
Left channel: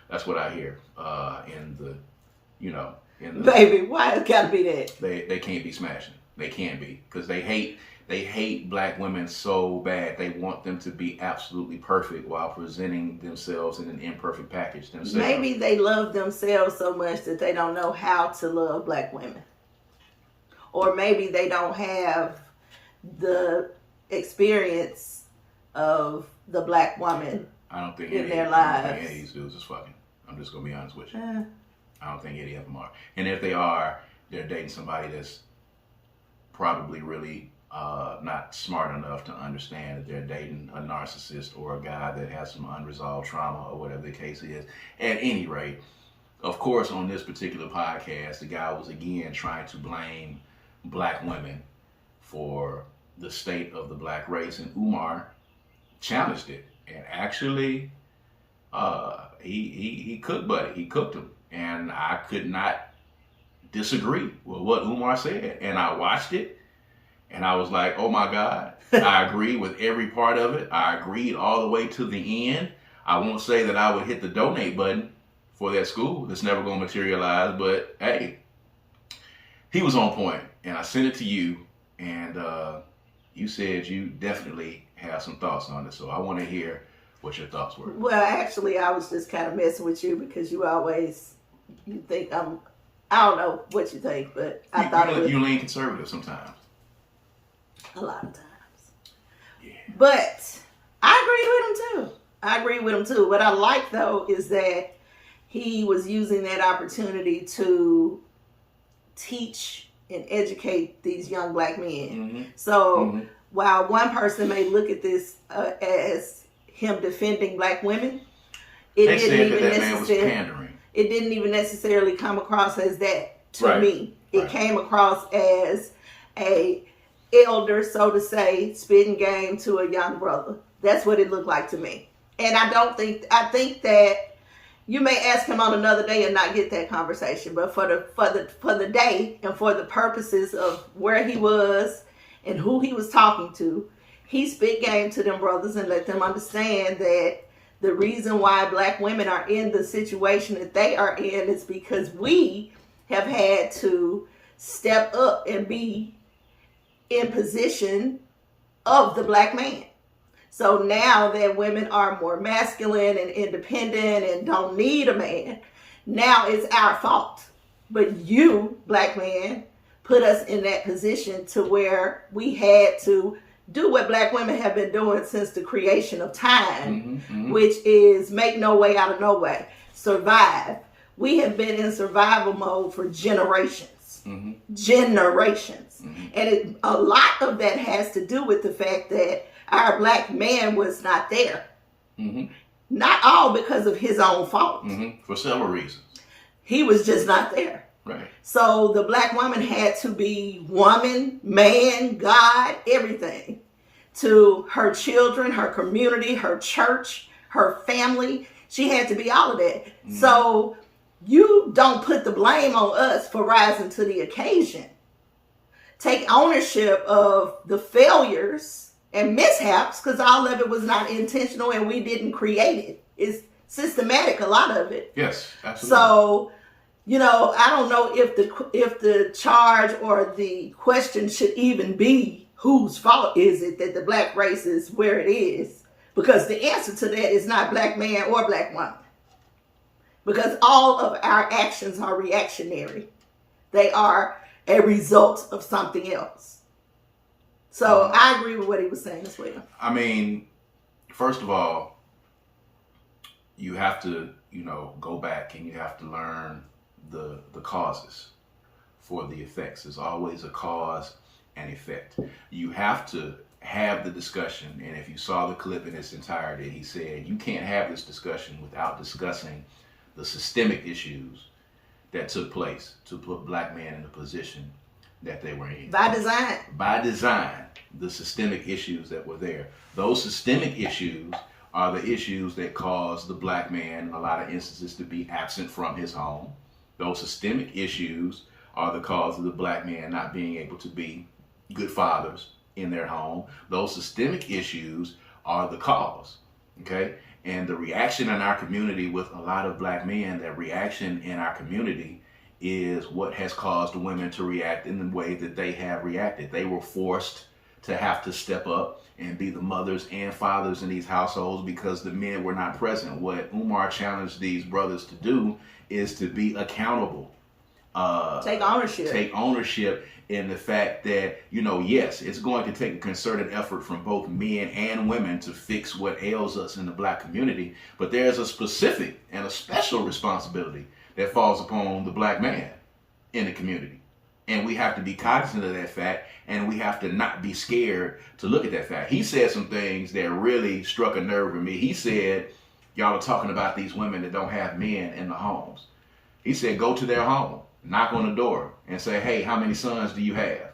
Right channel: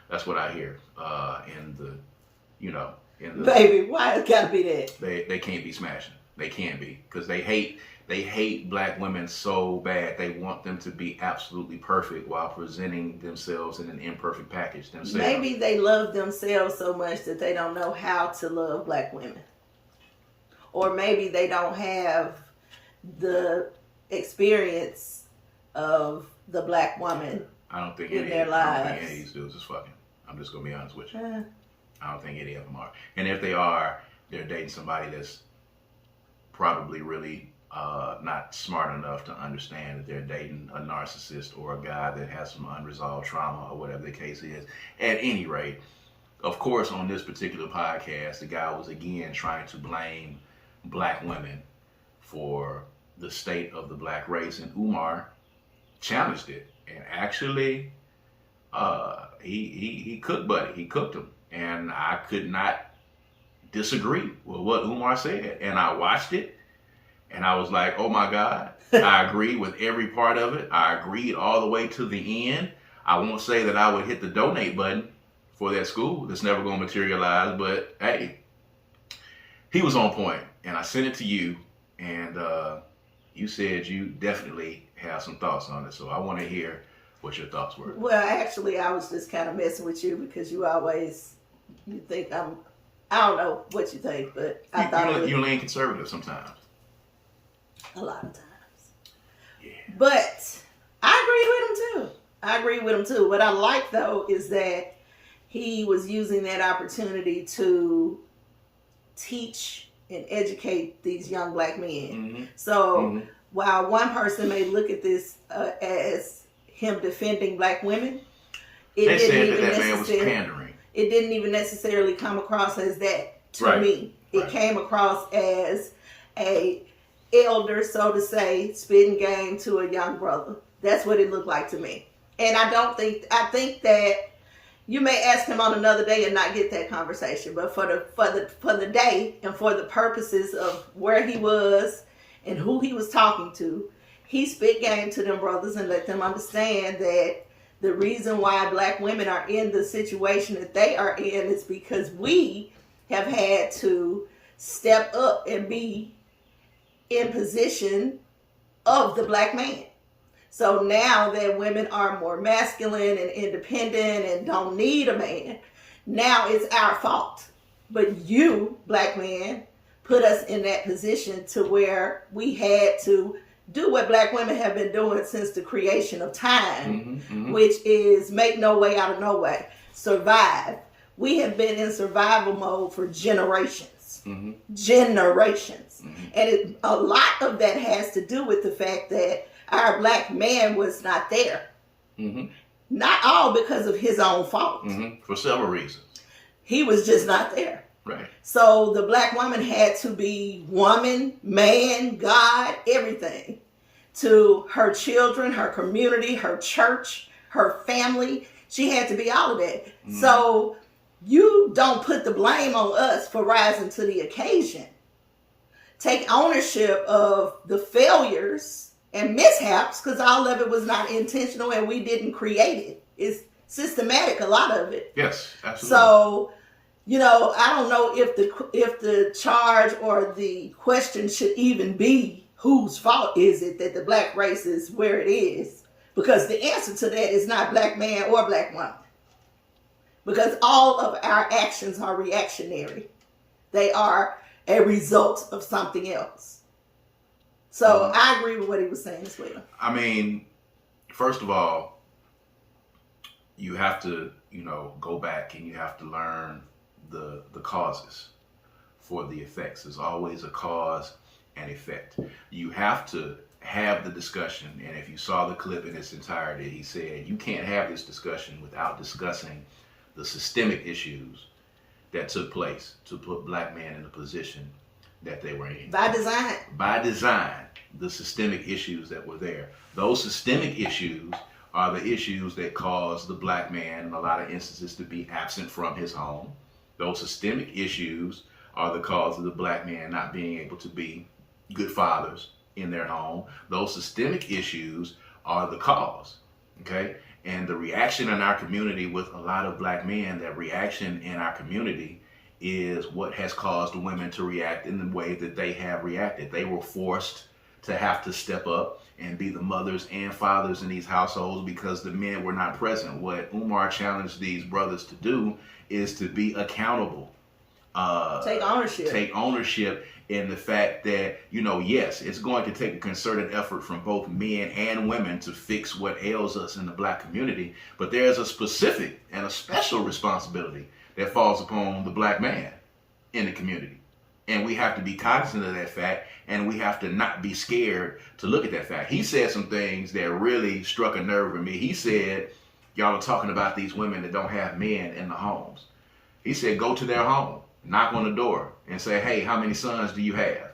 That's what I hear in the Baby, why it gotta be that? They can't be smashing. They can't be, because they hate black women so bad. They want them to be absolutely perfect while presenting themselves in an imperfect package themselves. Maybe they love themselves so much that they don't know how to love black women. Or maybe they don't have the experience of the black woman in their lives. I don't think any of these dudes is fucking. I'm just going to be honest with you. I don't think any of them are. And if they are, they're dating somebody that's probably really not smart enough to understand that they're dating a narcissist or a guy that has some unresolved trauma or whatever the case is. At any rate, of course, on this particular podcast, the guy was again trying to blame black women for the state of the black race, and Umar challenged it. And actually, he cooked Buddy. He cooked him. And I could not disagree with what Umar said. And I watched it, and I was like, oh my God, I agree with every part of it. I agreed all the way to the end. I won't say that I would hit the donate button for that school that's never going to materialize, but hey, he was on point. And I sent it to you, and you said you definitely have some thoughts on it. So I want to hear what your thoughts were. Well, actually, I was just kind of messing with you because you think I don't know what you think, but I thought it was... You lean conservative sometimes. A lot of times. Yeah. But I agree with him too. What I like, though, is that he was using that opportunity to teach and educate these young black men. Mm-hmm. So while one person may look at this as him defending black women, it didn't even necessarily come across as that to me. It came across as a elder, so to say, spitting game to a young brother. That's what it looked like to me. And I think that you may ask him on another day and not get that conversation, but for the day and for the purposes of where he was and who he was talking to, he spit game to them brothers and let them understand that the reason why black women are in the situation that they are in is because we have had to step up and be in position of the black man. So now that women are more masculine and independent and don't need a man, now it's our fault. But you, black man, put us in that position to where we had to do what black women have been doing since the creation of time, which is make no way out of no way, survive. We have been in survival mode for generations. Generations. And a lot of that has to do with the fact that our black man was not there. Not all because of his own fault. For several reasons. He was just not there. Right. So the black woman had to be woman, man, God, everything to her children, her community, her church, her family. She had to be all of that. So you don't put the blame on us for rising to the occasion. Take ownership of the failures and mishaps, because all of it was not intentional and we didn't create it. It's systematic, a lot of it. Yes, absolutely. So, I don't know if the charge or the question should even be whose fault is it that the black race is where it is, because the answer to that is not black man or black woman, because all of our actions are reactionary. They are a result of something else. So I agree with what he was saying as well. I mean, first of all, you have to, go back and you have to learn the causes for the effects. There's always a cause and effect. You have to have the discussion, and if you saw the clip in its entirety, he said you can't have this discussion without discussing the systemic issues that took place to put black men in the position that they were in. By design. By design, the systemic issues that were there. Those systemic issues are the issues that cause the black man, in a lot of instances, to be absent from his home. Those systemic issues are the cause of the black man not being able to be good fathers in their home. Those systemic issues are the cause, okay? And the reaction in our community with a lot of black men, that reaction in our community is what has caused women to react in the way that they have reacted. They were forced to have to step up and be the mothers and fathers in these households because the men were not present. What Umar challenged these brothers to do is to be accountable. Take ownership. Take ownership in the fact that, yes, it's going to take a concerted effort from both men and women to fix what ails us in the black community, but there's a specific and a special responsibility that falls upon the black man in the community. And we have to be cognizant of that fact, and we have to not be scared to look at that fact. He said some things that really struck a nerve with me. He said, y'all are talking about these women that don't have men in the homes. He said, go to their home, knock on the door, and say, hey, how many sons do you have?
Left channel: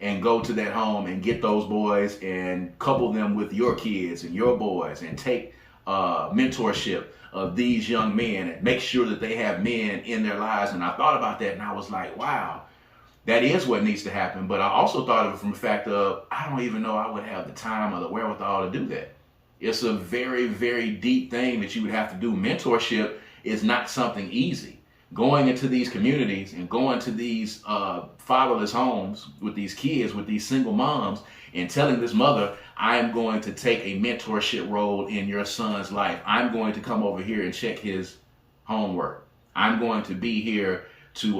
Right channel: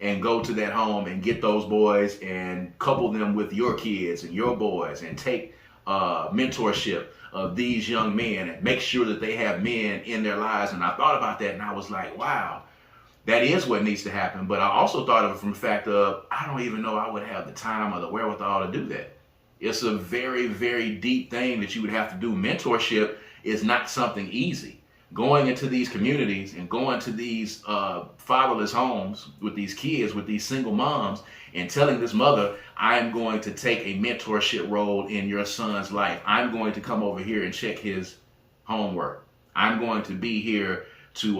And go to that home and get those boys and couple them with your kids and your boys and take mentorship of these young men and make sure that they have men in their lives. And I thought about that and I was like, wow, that is what needs to happen. But I also thought of it from the fact of, I don't even know I would have the time or the wherewithal to do that. It's a very, very deep thing that you would have to do. Mentorship is not something easy. Going into these communities and going to these fatherless homes with these kids, with these single moms, and telling this mother, I am going to take a mentorship role in your son's life. I'm going to come over here and check his homework. I'm going to be here to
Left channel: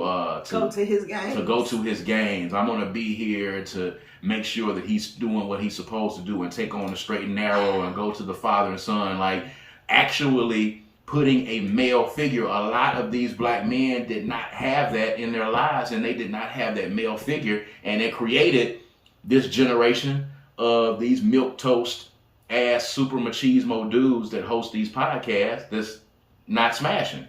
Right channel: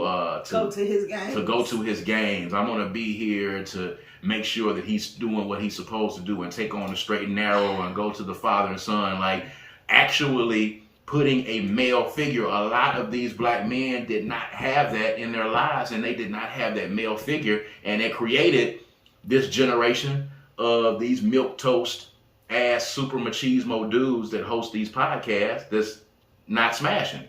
go to his games. To go to his games. I'm going to be here to make sure that he's doing what he's supposed to do and take on the straight and narrow and go to the father and son. Like, actually putting a male figure. A lot of these black men did not have that in their lives, and they did not have that male figure, and it created this generation of these milquetoast ass super machismo dudes that host these podcasts that's not smashing,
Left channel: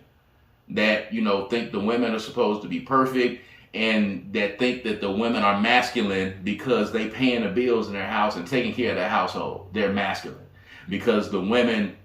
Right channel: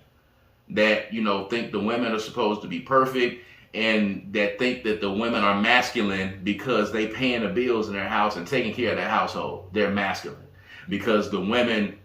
that think the women are supposed to be perfect, and that think that the women are masculine because they paying the bills in their house and taking care of their household. They're masculine because the women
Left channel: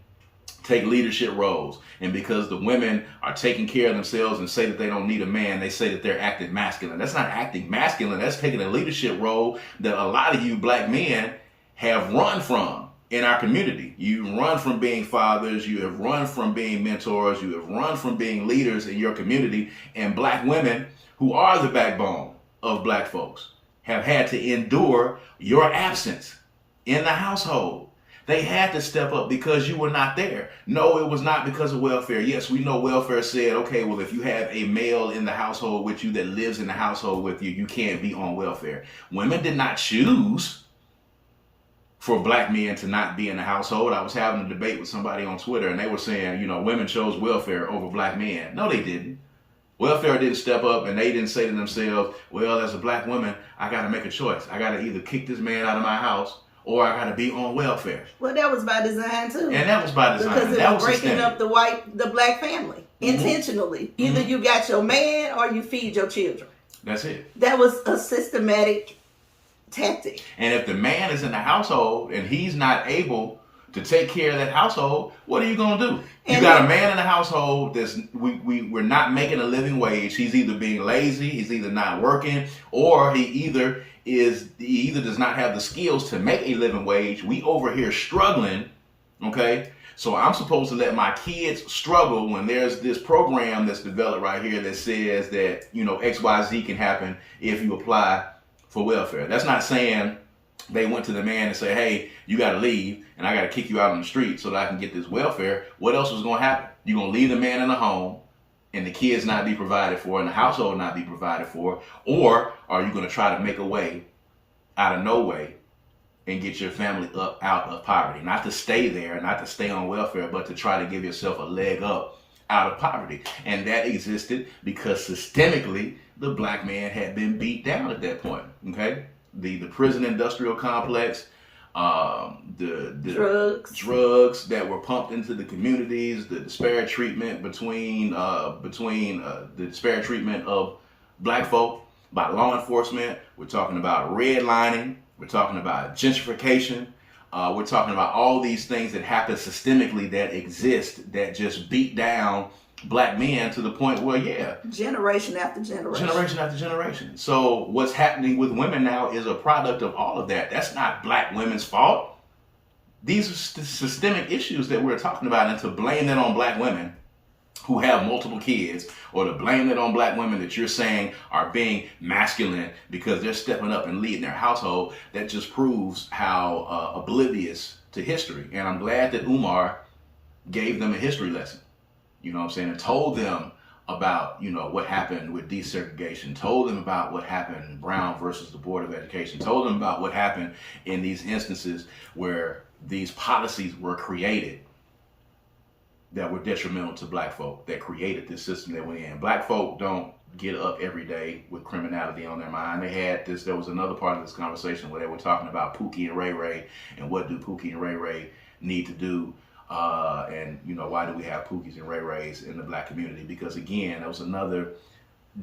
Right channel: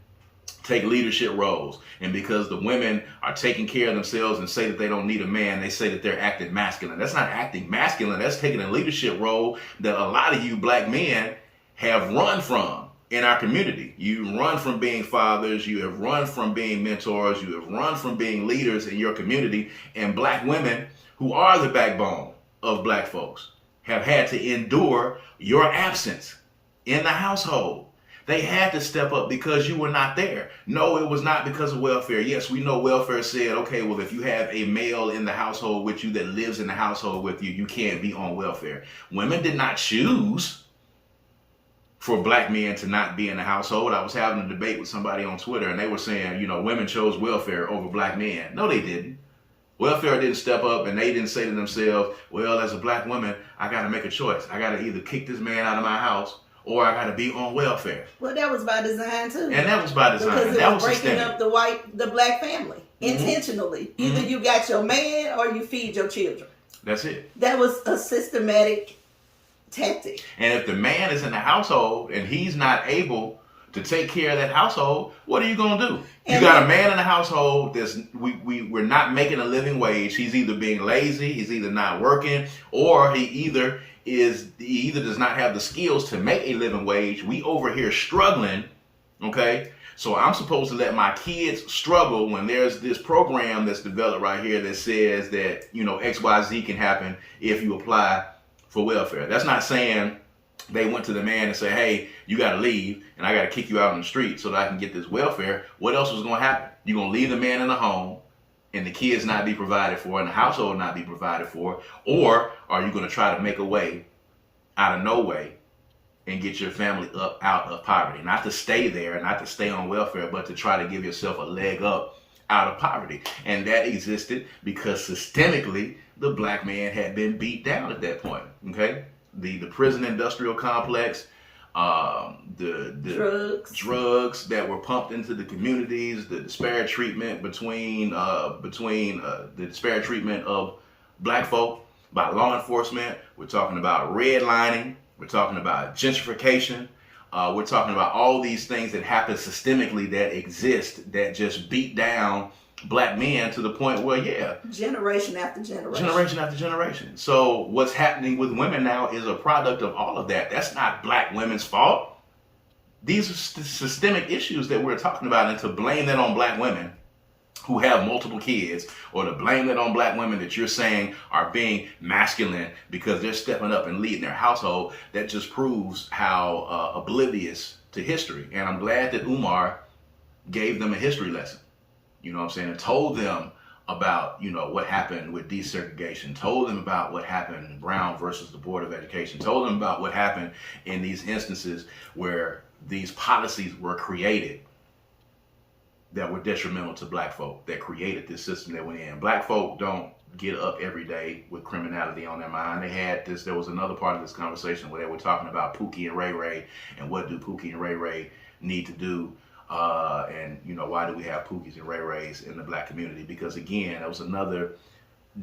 take leadership roles, and because the women are taking care of themselves and say that they don't need a man, they say that they're acting masculine. That's not acting masculine. That's taking a leadership role that a lot of you black men have run from in our community. You run from being fathers, you have run from being mentors, you have run from being leaders in your community, and black women, who are the backbone of black folks, have had to endure your absence in the household. They had to step up because you were not there. No, it was not because of welfare. Yes, we know welfare said, okay, well, if you have a male in the household with you that lives in the household with you, you can't be on welfare. Women did not choose for black men to not be in the household. I was having a debate with somebody on Twitter, and they were saying, women chose welfare over black men. No, they didn't. Welfare didn't step up, and they didn't say to themselves, well, as a black woman, I got to make a choice. I got to either kick this man out of my house, or I got to be on welfare. Well, that was by design too. And that was by design. Because it was breaking up the black family intentionally. Mm-hmm. Either you got your man or you feed your children. That's it. That was a systematic tactic. And if the man is in the household and he's not able to take care of that household, what are you going to do? You got a man in the household that's we're not making a living wage. He's either being lazy, he's either not working, or he either does not have the skills to make a living wage. We over here struggling, okay? So I'm supposed to let my kids struggle when there's this program that's developed right here that says that, you know, XYZ can happen if you apply for welfare. That's not saying they went to the man and said, hey, you got to leave and I got to kick you out on the street so that I can get this welfare. What else was going to happen? You're going to leave the man in the home and the kids not be provided for and the household not be provided for? Or are you going to try to make a way out of no way and get your family up out of poverty? Not to stay there, not to stay on welfare, but to try to give yourself a leg up out of poverty. And that existed because systemically the black man had been beat down at that point. Okay, the prison industrial complex, the drugs that were pumped into the communities, the disparate treatment between the disparate treatment of black folk by law enforcement. We're talking about redlining. We're talking about gentrification. We're talking about all these things that happen systemically that exist that just beat down black men to the point where, generation after generation. Generation after generation. So what's happening with women now is a product of all of that. That's not black women's fault. These are systemic issues that we're talking about, and to blame that on black women who have multiple kids, or to blame that on black women that you're saying are being masculine because they're stepping up and leading their household, that just proves how oblivious to history. And I'm glad that Umar gave them a history lesson, you know what I'm saying, and told them about, you know, what happened with desegregation, told them about what happened in Brown versus the Board of Education, told them about what happened in these instances where these policies were created that were detrimental to black folk, that created this system that we're in. Black folk don't get up every day with criminality on their mind. They had this, there was another part of this conversation where they were talking about Pookie and Ray Ray, and what do Pookie and Ray Ray need to do, and, you know, why do we have Pookies and Ray Rays in the black community? Because again, that was another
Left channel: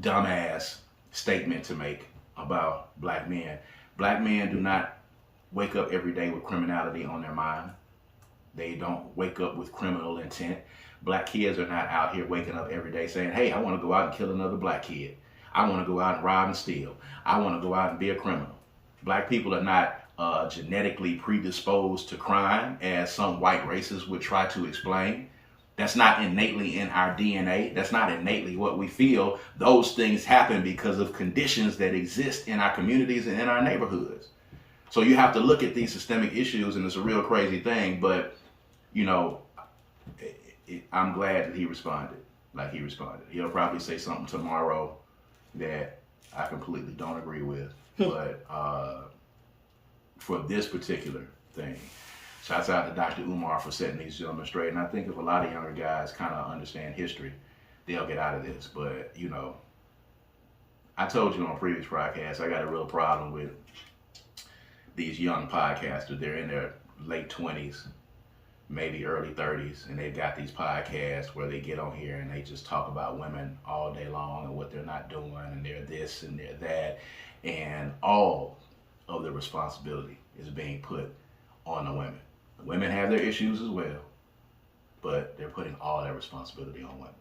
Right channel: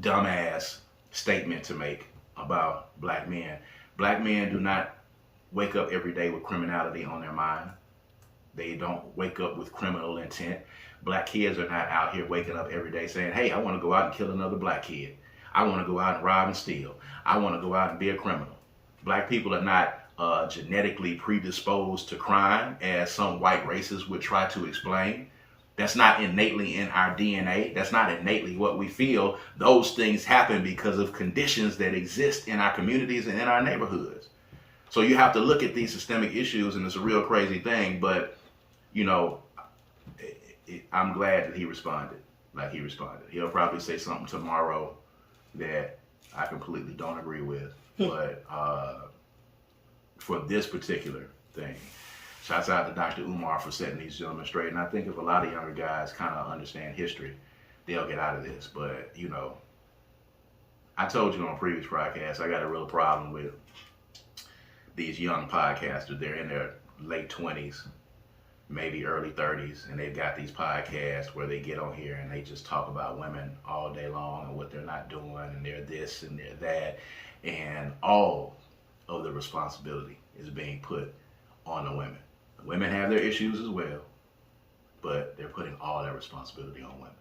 dumbass statement to make about black men. Black men do not wake up every day with criminality on their mind. They don't wake up with criminal intent. Black kids are not out here waking up every day saying, hey, I want to go out and kill another black kid. I want to go out and rob and steal. I want to go out and be a criminal. Black people are not genetically predisposed to crime, as some white racists would try to explain. That's not innately in our DNA. That's not innately what we feel. Those things happen because of conditions that exist in our communities and in our neighborhoods. So you have to look at these systemic issues, and it's a real crazy thing, but you know, I'm glad that he responded like he responded. He'll probably say something tomorrow that I completely don't agree with, but for this particular thing, shouts out to Dr. Umar for setting these gentlemen straight. And I think if a lot of younger guys kind of understand history, they'll get out of this. But, you know, I told you on a previous podcast, I got a real problem with these young podcasters. They're in their late 20s, maybe early 30s, and they've got these podcasts where they get on here and they just talk about women all day long and what they're not doing, and they're this and they're that, and all of the responsibility is being put on the women. The women have their issues as well, but they're putting all that responsibility on women.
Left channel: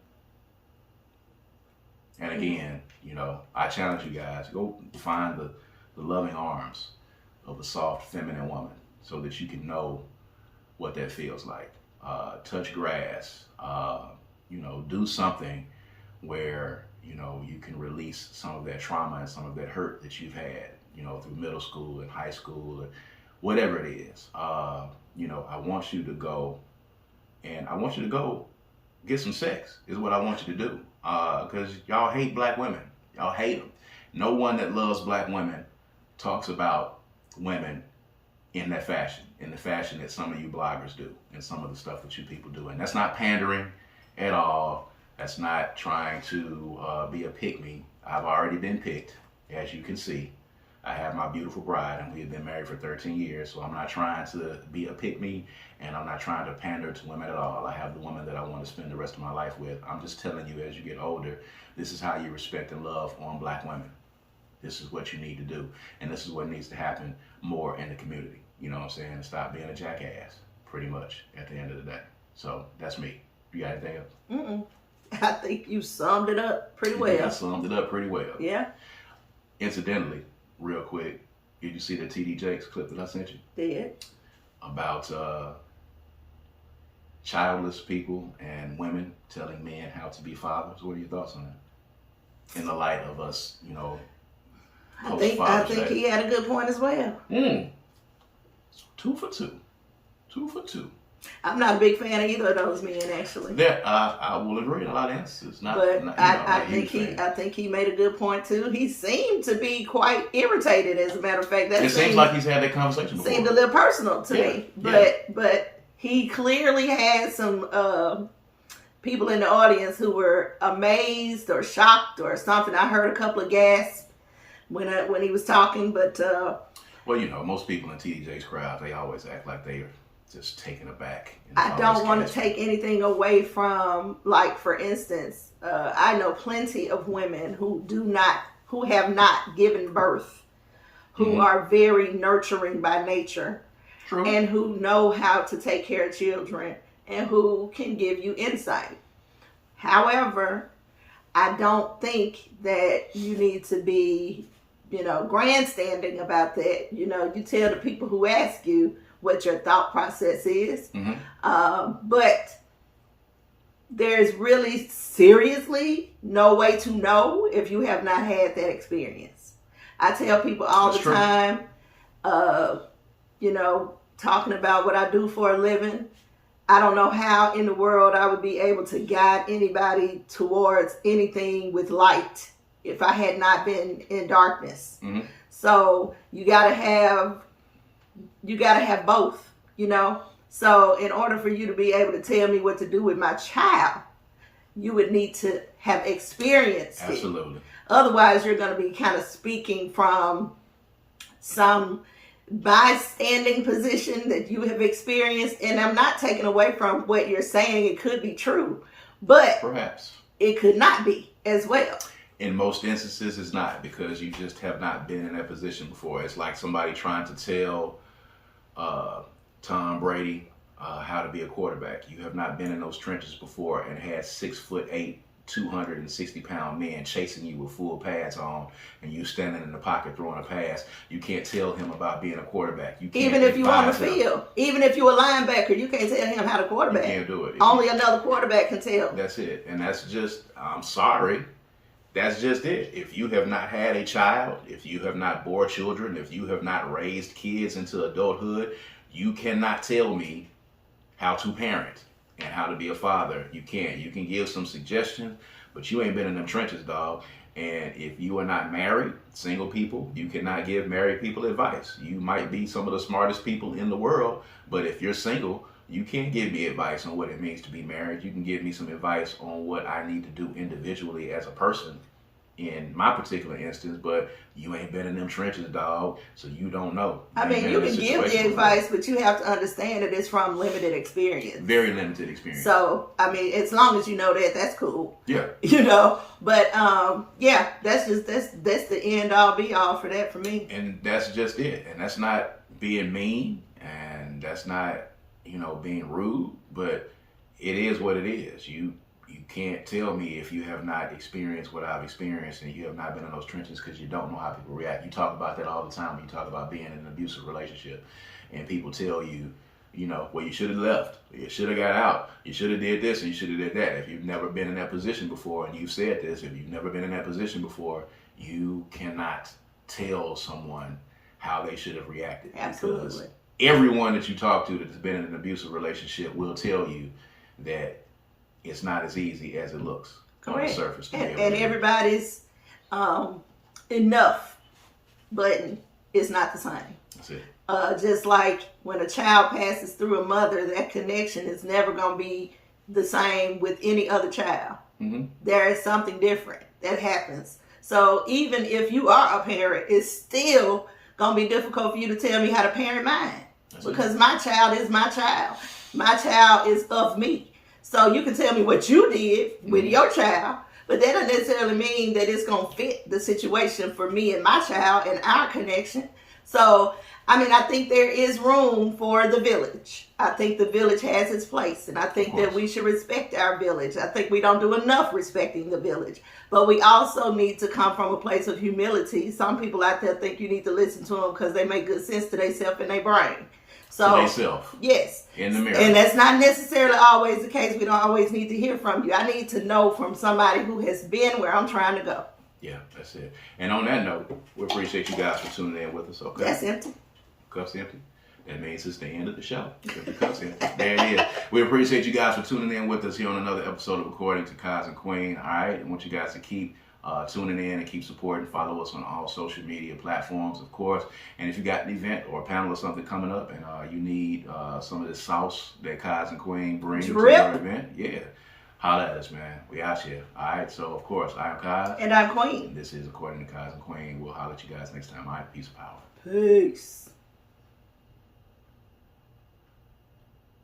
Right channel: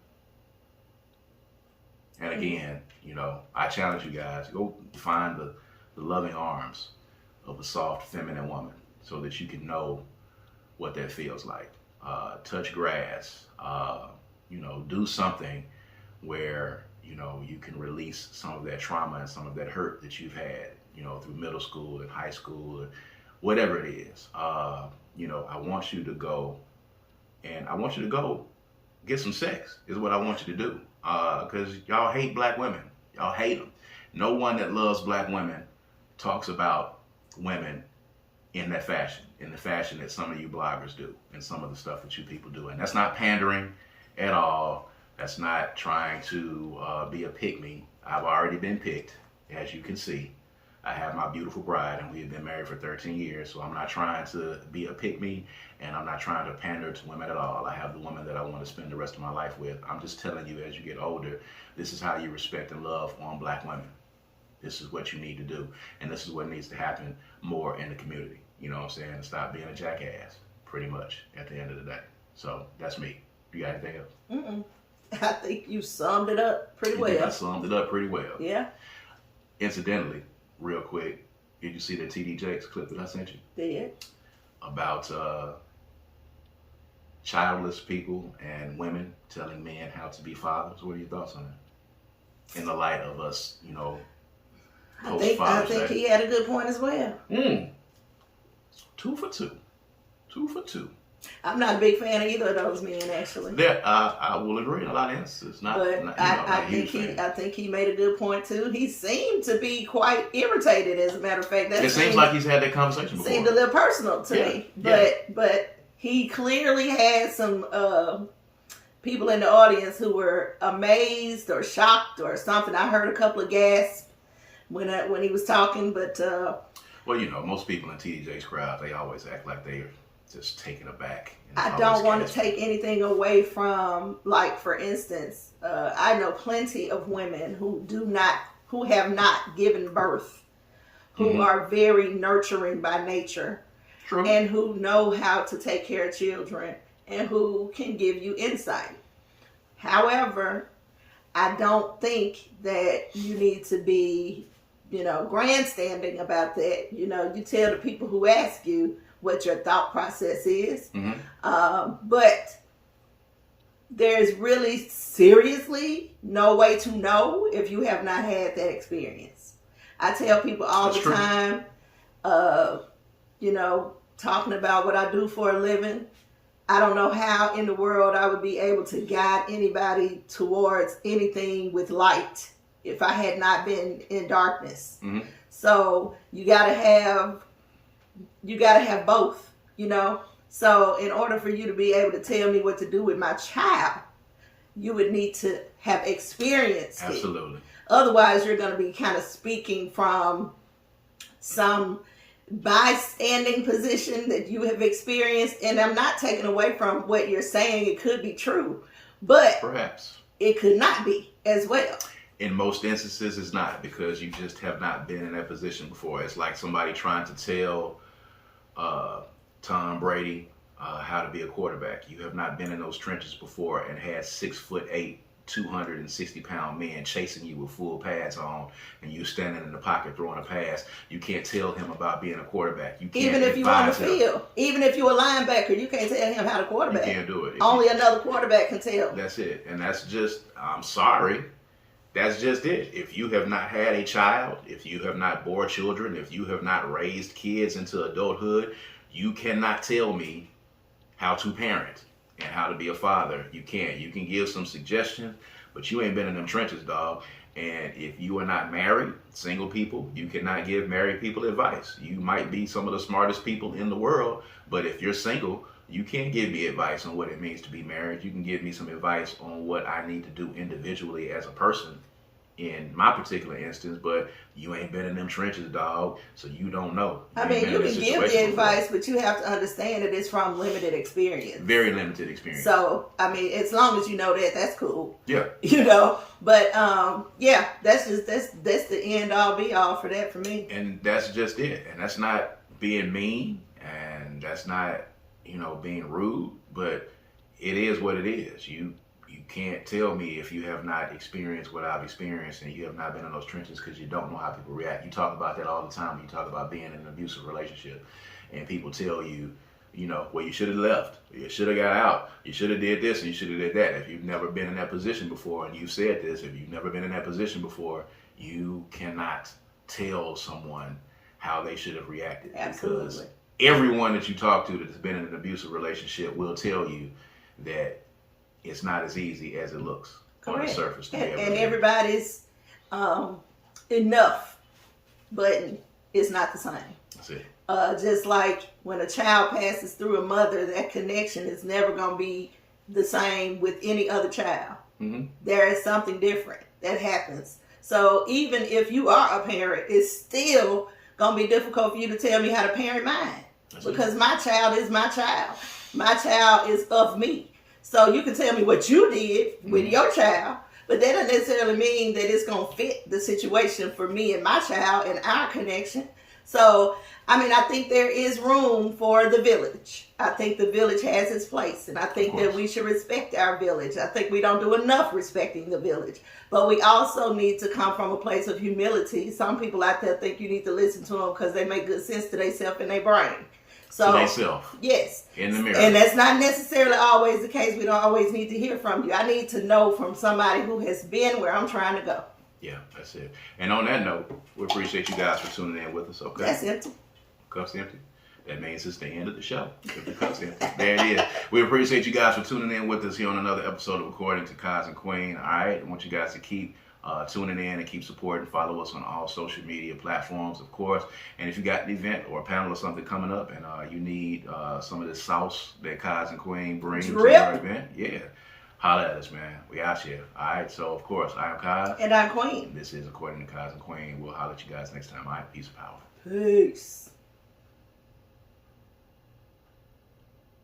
And again, you know, I challenge you guys, go find the loving arms of a soft, feminine woman so that you can know what that feels like. Touch grass, you know, do something where, you know, you can release some of that trauma and some of that hurt that you've had, you know, through middle school and high school or whatever it is. You know, I want you to go, and I want you to go get some sex is what I want you to do. Because y'all hate black women. Y'all hate them. No one that loves black women talks about women in that fashion, in the fashion that some of you bloggers do and some of the stuff that you people do. And that's not pandering at all. That's not trying to be a pick-me. I've already been picked, as you can see. I have my beautiful bride, and we have been married for 13 years, so I'm not trying to be a pick-me, and I'm not trying to pander to women at all. I have the woman that I want to spend the rest of my life with. I'm just telling you, as you get older, this is how you respect and love on black women. This is what you need to do, and this is what needs to happen more in the community. You know what I'm saying? Stop being a jackass, pretty much, at the end of the day. So that's me. You got anything else? I think you summed it up pretty well. I summed it up pretty well. Yeah. Incidentally, real quick, did you see the TD Jakes clip that I sent you? Did. About childless people and women telling men how to be fathers. What are your thoughts on that? In the light of us, I think he had a good point as well. 2 for 2. 2 for 2. I'm not a big fan of either of those men, actually. I will agree in a lot of instances. I think he made a good point too. He seemed to be quite irritated, as a matter of fact. It seems like he's had that conversation before. Seemed a little personal to me, but he clearly had some people in the audience who were amazed or shocked or something. I heard a couple of gasps when he was talking, but well, most people in TDJ's crowd, they always act like they are just taken aback. I don't want to take anything away from, like, for instance, I know plenty of women who have not given birth, who are very nurturing by nature. True. And who know how to take care of children and who can give you insight. However, I don't think that you need to be, grandstanding about that. You tell the people who ask you what your thought process is. But there's really seriously no way to know if you have not had that experience. I tell people all the time, talking about what I do for a living, I don't know how in the world I would be able to guide anybody towards anything with light if I had not been in darkness. So you gotta have both, So in order for you to be able to tell me what to do with my child, you would need to have experienced it. Absolutely. Otherwise, you're going to be kind of speaking from some bystanding position that you have experienced. And I'm not taking away from what you're saying. It could be true, but perhaps it could not be as well. In most instances, it's not, because you just have not been in that position before. It's like somebody trying to tell Tom Brady how to be a quarterback. You have not been in those trenches before and had 6'8", 260-pound men chasing you with full pads on, and you standing in the pocket throwing a pass. You can't tell him about being a quarterback. You can't, even if you're on the field, even if you're a linebacker, you can't tell him how to quarterback. You can't do it. Only another quarterback can tell. That's it, and that's just. I'm sorry. That's just it. If you have not had a child, if you have not bore children, if you have not raised kids into adulthood, you cannot tell me how to parent and how to be a father. You can't. You can give some suggestions, but you ain't been in them trenches, dog. And if you are not married, single people, you cannot give married people advice. You might be some of the smartest people in the world, but if you're single, you can't give me advice on what it means to be married. You can give me some advice on what I need to do individually as a person in my particular instance, but you ain't been in them trenches, dog, so you don't know. You can give the advice, but you have to understand that it's from limited experience. Very limited experience. So, as long as you know that, that's cool. Yeah. But that's the end all be all for that for me. And that's just it. And that's not being mean, and that's not, being rude, but it is what it is. You can't tell me if you have not experienced what I've experienced and you have not been in those trenches, because you don't know how people react. You talk about that all the time when you talk about being in an abusive relationship, and people tell you, well, you should have left, you should have got out, you should have did this, and you should have did that. If you've never been in that position before and you've said this, if you've never been in that position before, you cannot tell someone how they should have reacted. Absolutely. Because everyone that you talk to that's been in an abusive relationship will tell you that it's not as easy as it looks. Correct. On the surface. And everybody's enough button is not the same. That's it. Just like when a child passes through a mother, that connection is never going to be the same with any other child. Mm-hmm. There is something different that happens. So even if you are a parent, it's still going to be difficult for you to tell me how to parent mine. That's because it. My child is my child. My child is of me. So you can tell me what you did with your child, but that doesn't necessarily mean that it's going to fit the situation for me and my child and our connection. So, I think there is room for the village. I think the village has its place, and I think that we should respect our village. I think we don't do enough respecting the village, but we also need to come from a place of humility. Some people out there think you need to listen to them because they make good sense to themselves and their brain. So to themselves. Yes. In the mirror. And that's not necessarily always the case. We don't always need to hear from you. I need to know from somebody who has been where I'm trying to go. Yeah, that's it. And on that note, we appreciate you guys for tuning in with us, okay? That's empty. Cups empty. That means it's the end of the show. The cups empty. There it is. We appreciate you guys for tuning in with us here on another episode of According to Kaz and Queen. All right, I want you guys to keep tuning in and keep supporting. Follow us on all social media platforms, of course. And if you got an event or a panel or something coming up and you need some of this sauce that Kaz and Queen bring to your event, yeah, holla at us, man. We out here. All right, so of course, I am Kaz. And I'm Queen. This is According to Kaz and Queen. We'll holla at you guys next time. All right, peace and power. Peace.